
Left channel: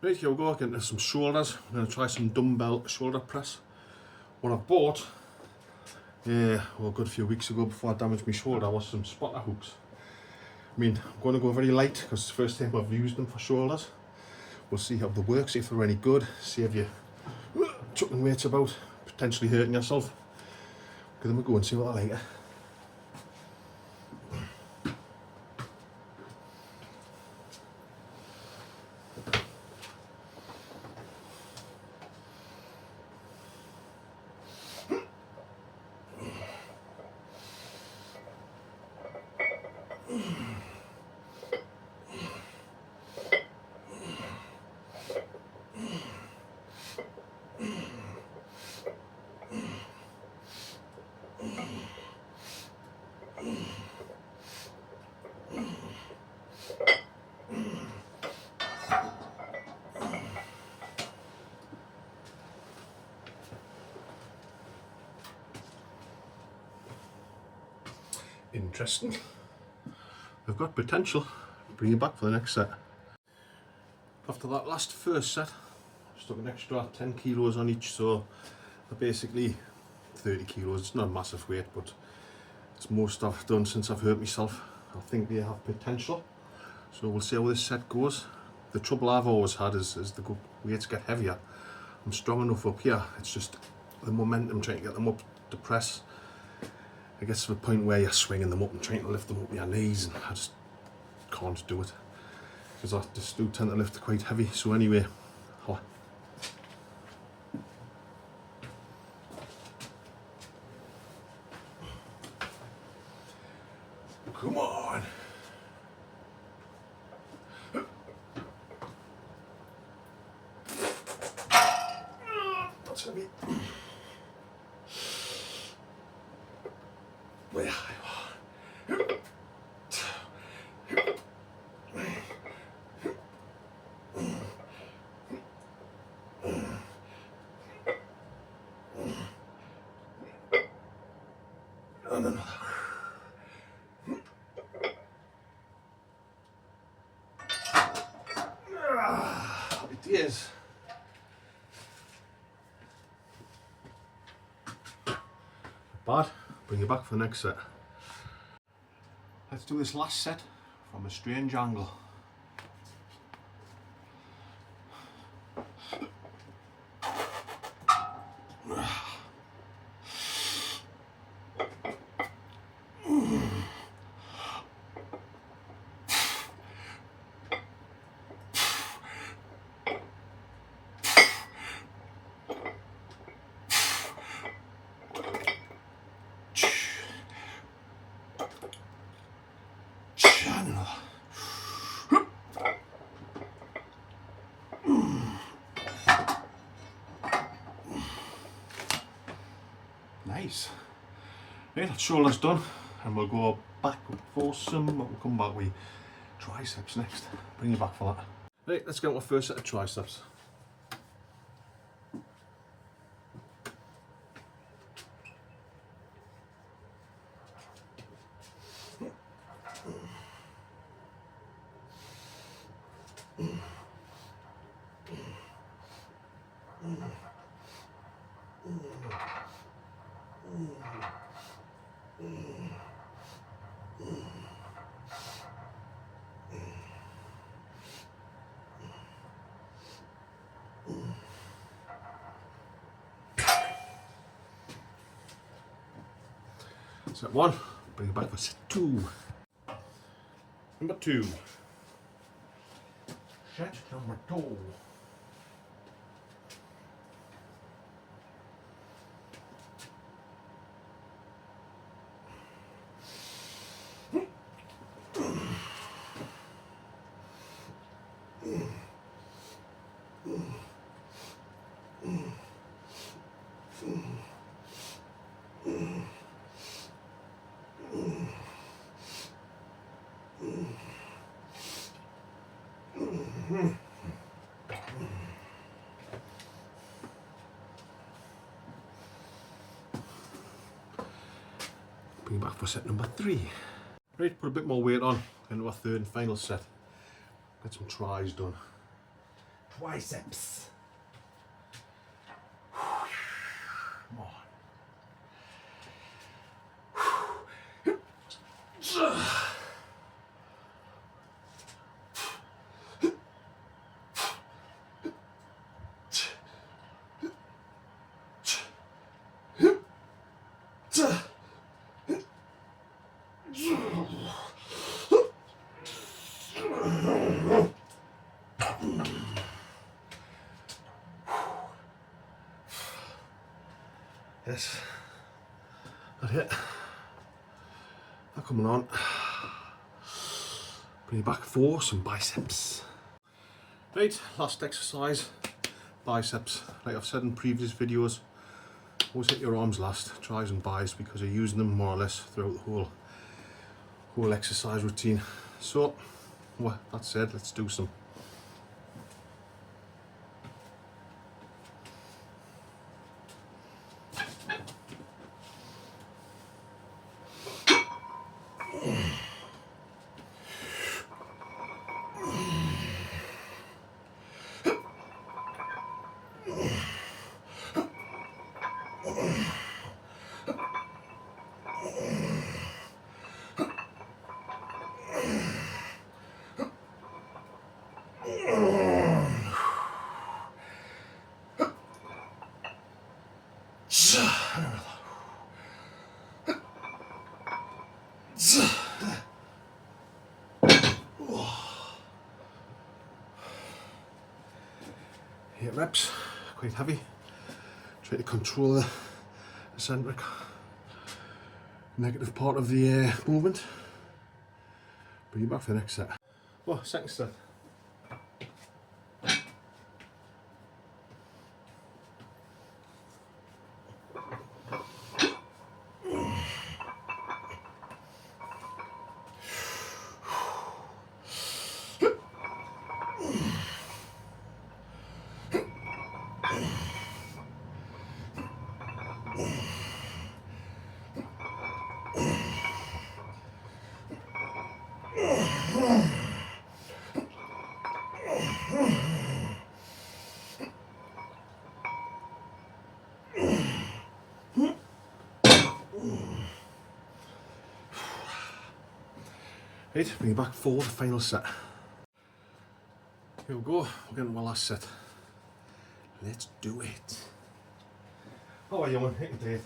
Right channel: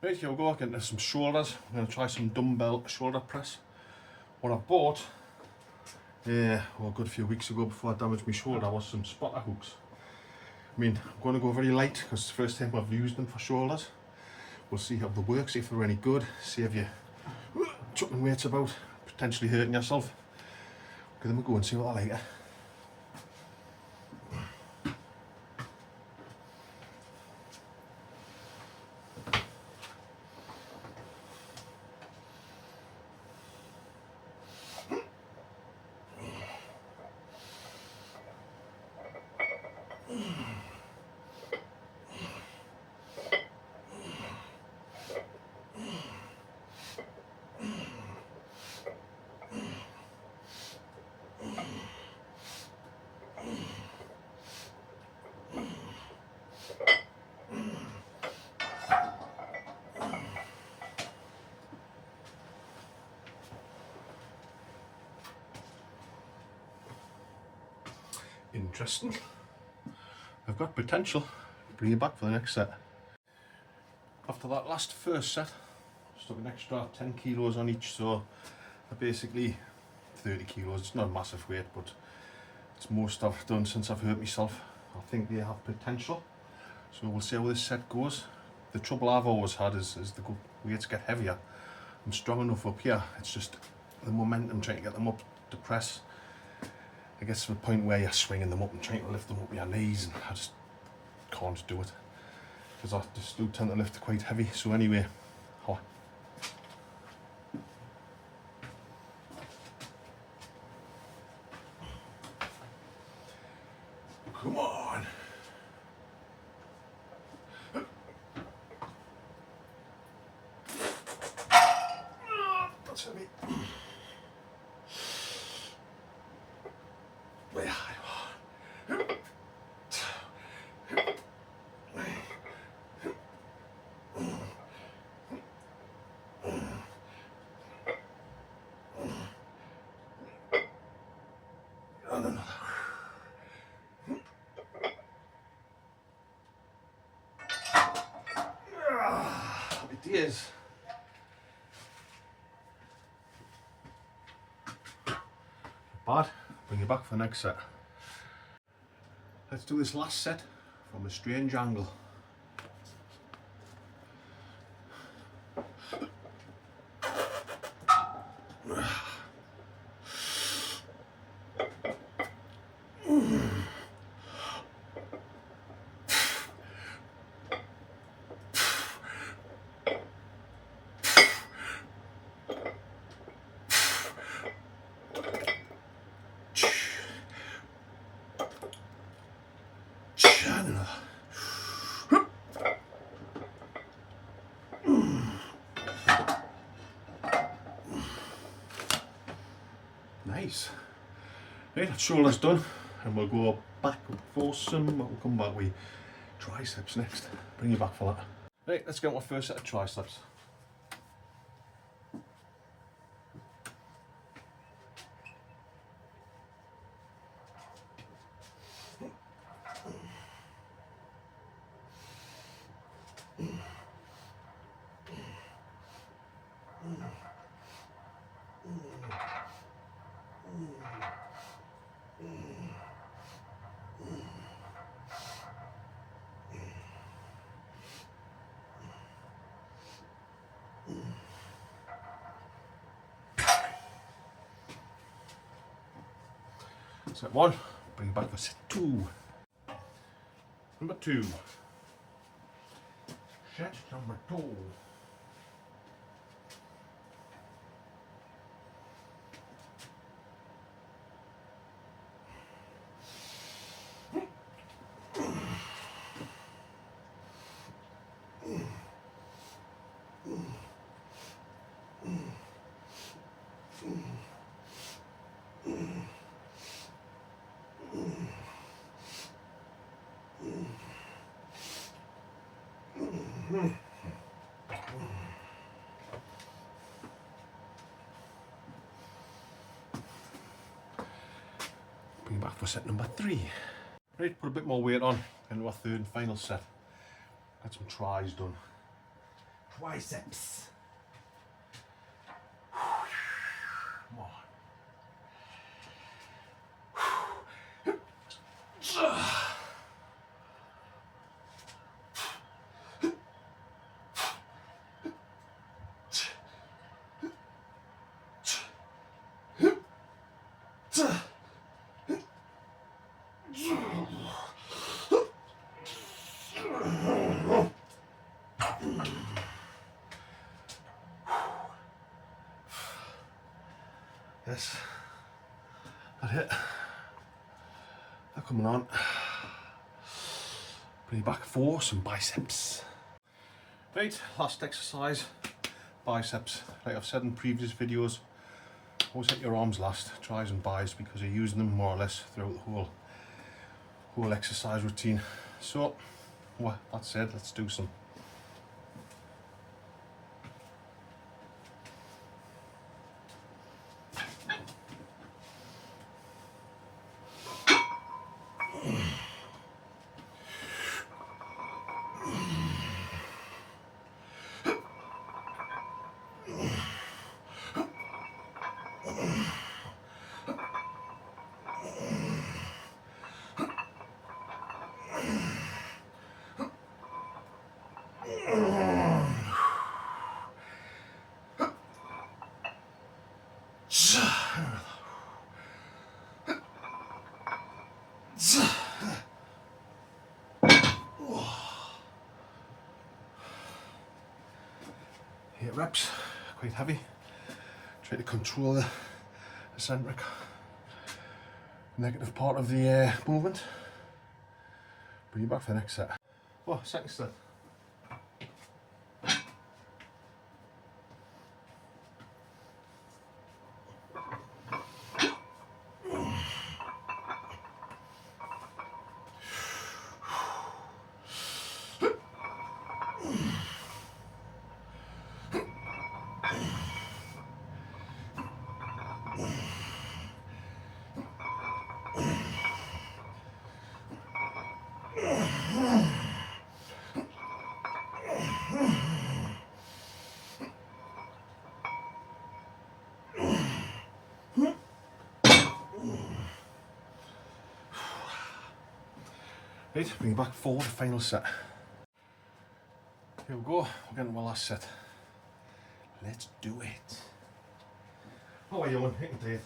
Right, here we go, get into some shoulders. I'm going to try some dumbbell shoulder press. What I bought, well, a good few weeks ago before I damaged my shoulder, was some spotter hooks. I mean, I'm going to go very light because it's the first time I've used them for shoulders. We'll see how they work, see if they're any good, see if you're chucking weights about, potentially hurting yourself. Give them a go and see what I like. Interesting. I've got potential. Bring you back for the next set. After that last first set, I stuck an extra 10 kilos on each, so basically 30 kilos. It's not a massive weight, but it's more stuff I've done since I've hurt myself. I think they have potential, so we'll see how this set goes. The trouble I've always had is the weights get heavier. I'm strong enough up here, it's just the momentum trying to get them up to press. It gets to the point where you're swinging them up and trying to lift them up with your knees, and I just can't do it because I just do tend to lift quite heavy. So anyway, come on. That's heavy. And another. It is. Bad. Bring you back for the next set. Let's do this last set from a strange angle. Nice. Right, that shoulder's done, and we'll go back up for some. We'll come back with triceps next. Bring you back for that. Right, let's get our first set of triceps. Set one, bring it back for set two. Number two. Set number two. Bring it back for set number three. Right, put a bit more weight on into our third and final set. Get some tries done. Triceps. Come on. Yes, that's it. They're coming on. Bring it back for some biceps. Right, last exercise, biceps. Like I've said in previous videos, always hit your arms last, tries and bis, because you're using them more or less throughout the whole exercise routine. So, well, that said, let's do some. Eight reps, quite heavy. Try to control the eccentric negative part of the movement. Bring you back for the next set. Oh, second set. Right, bring it back for the final set. Here we go, we're getting to our last set. Let's do it. How are you, man? Hitting to it.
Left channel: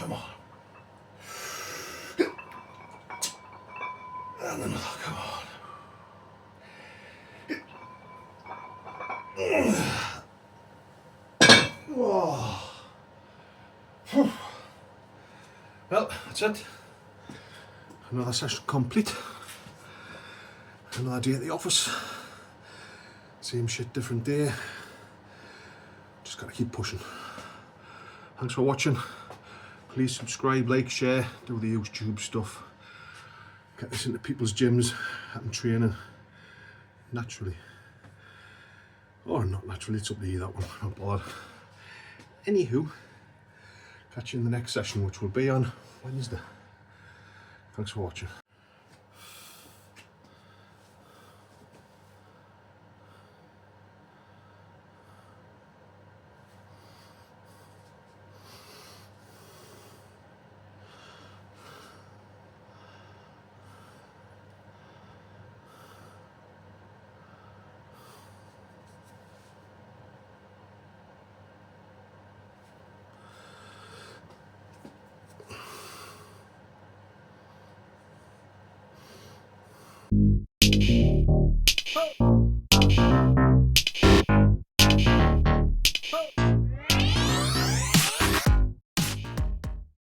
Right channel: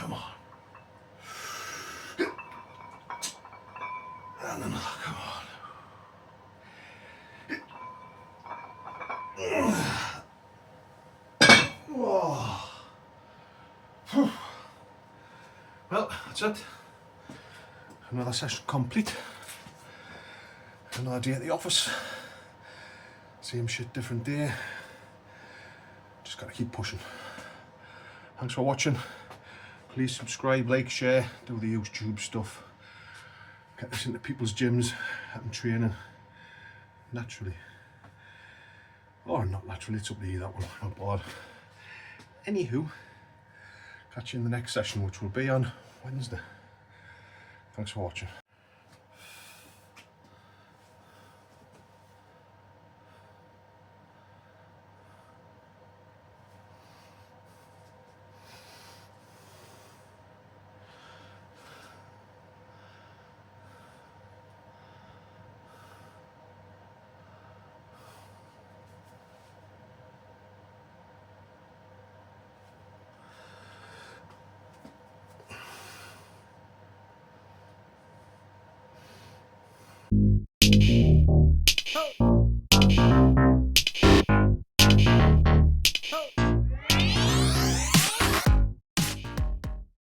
Come on. And another, come on. Oh. Well, that's it. Another session complete. Another day at the office. Same shit, different day. Just gotta keep pushing. Thanks for watching. Please subscribe, like, share, do the YouTube stuff. Get this into people's gyms and training naturally. Or not naturally, it's up to you, that one. I'm not bothered. Anywho, catch you in the next session, which will be on Wednesday. Thanks for watching.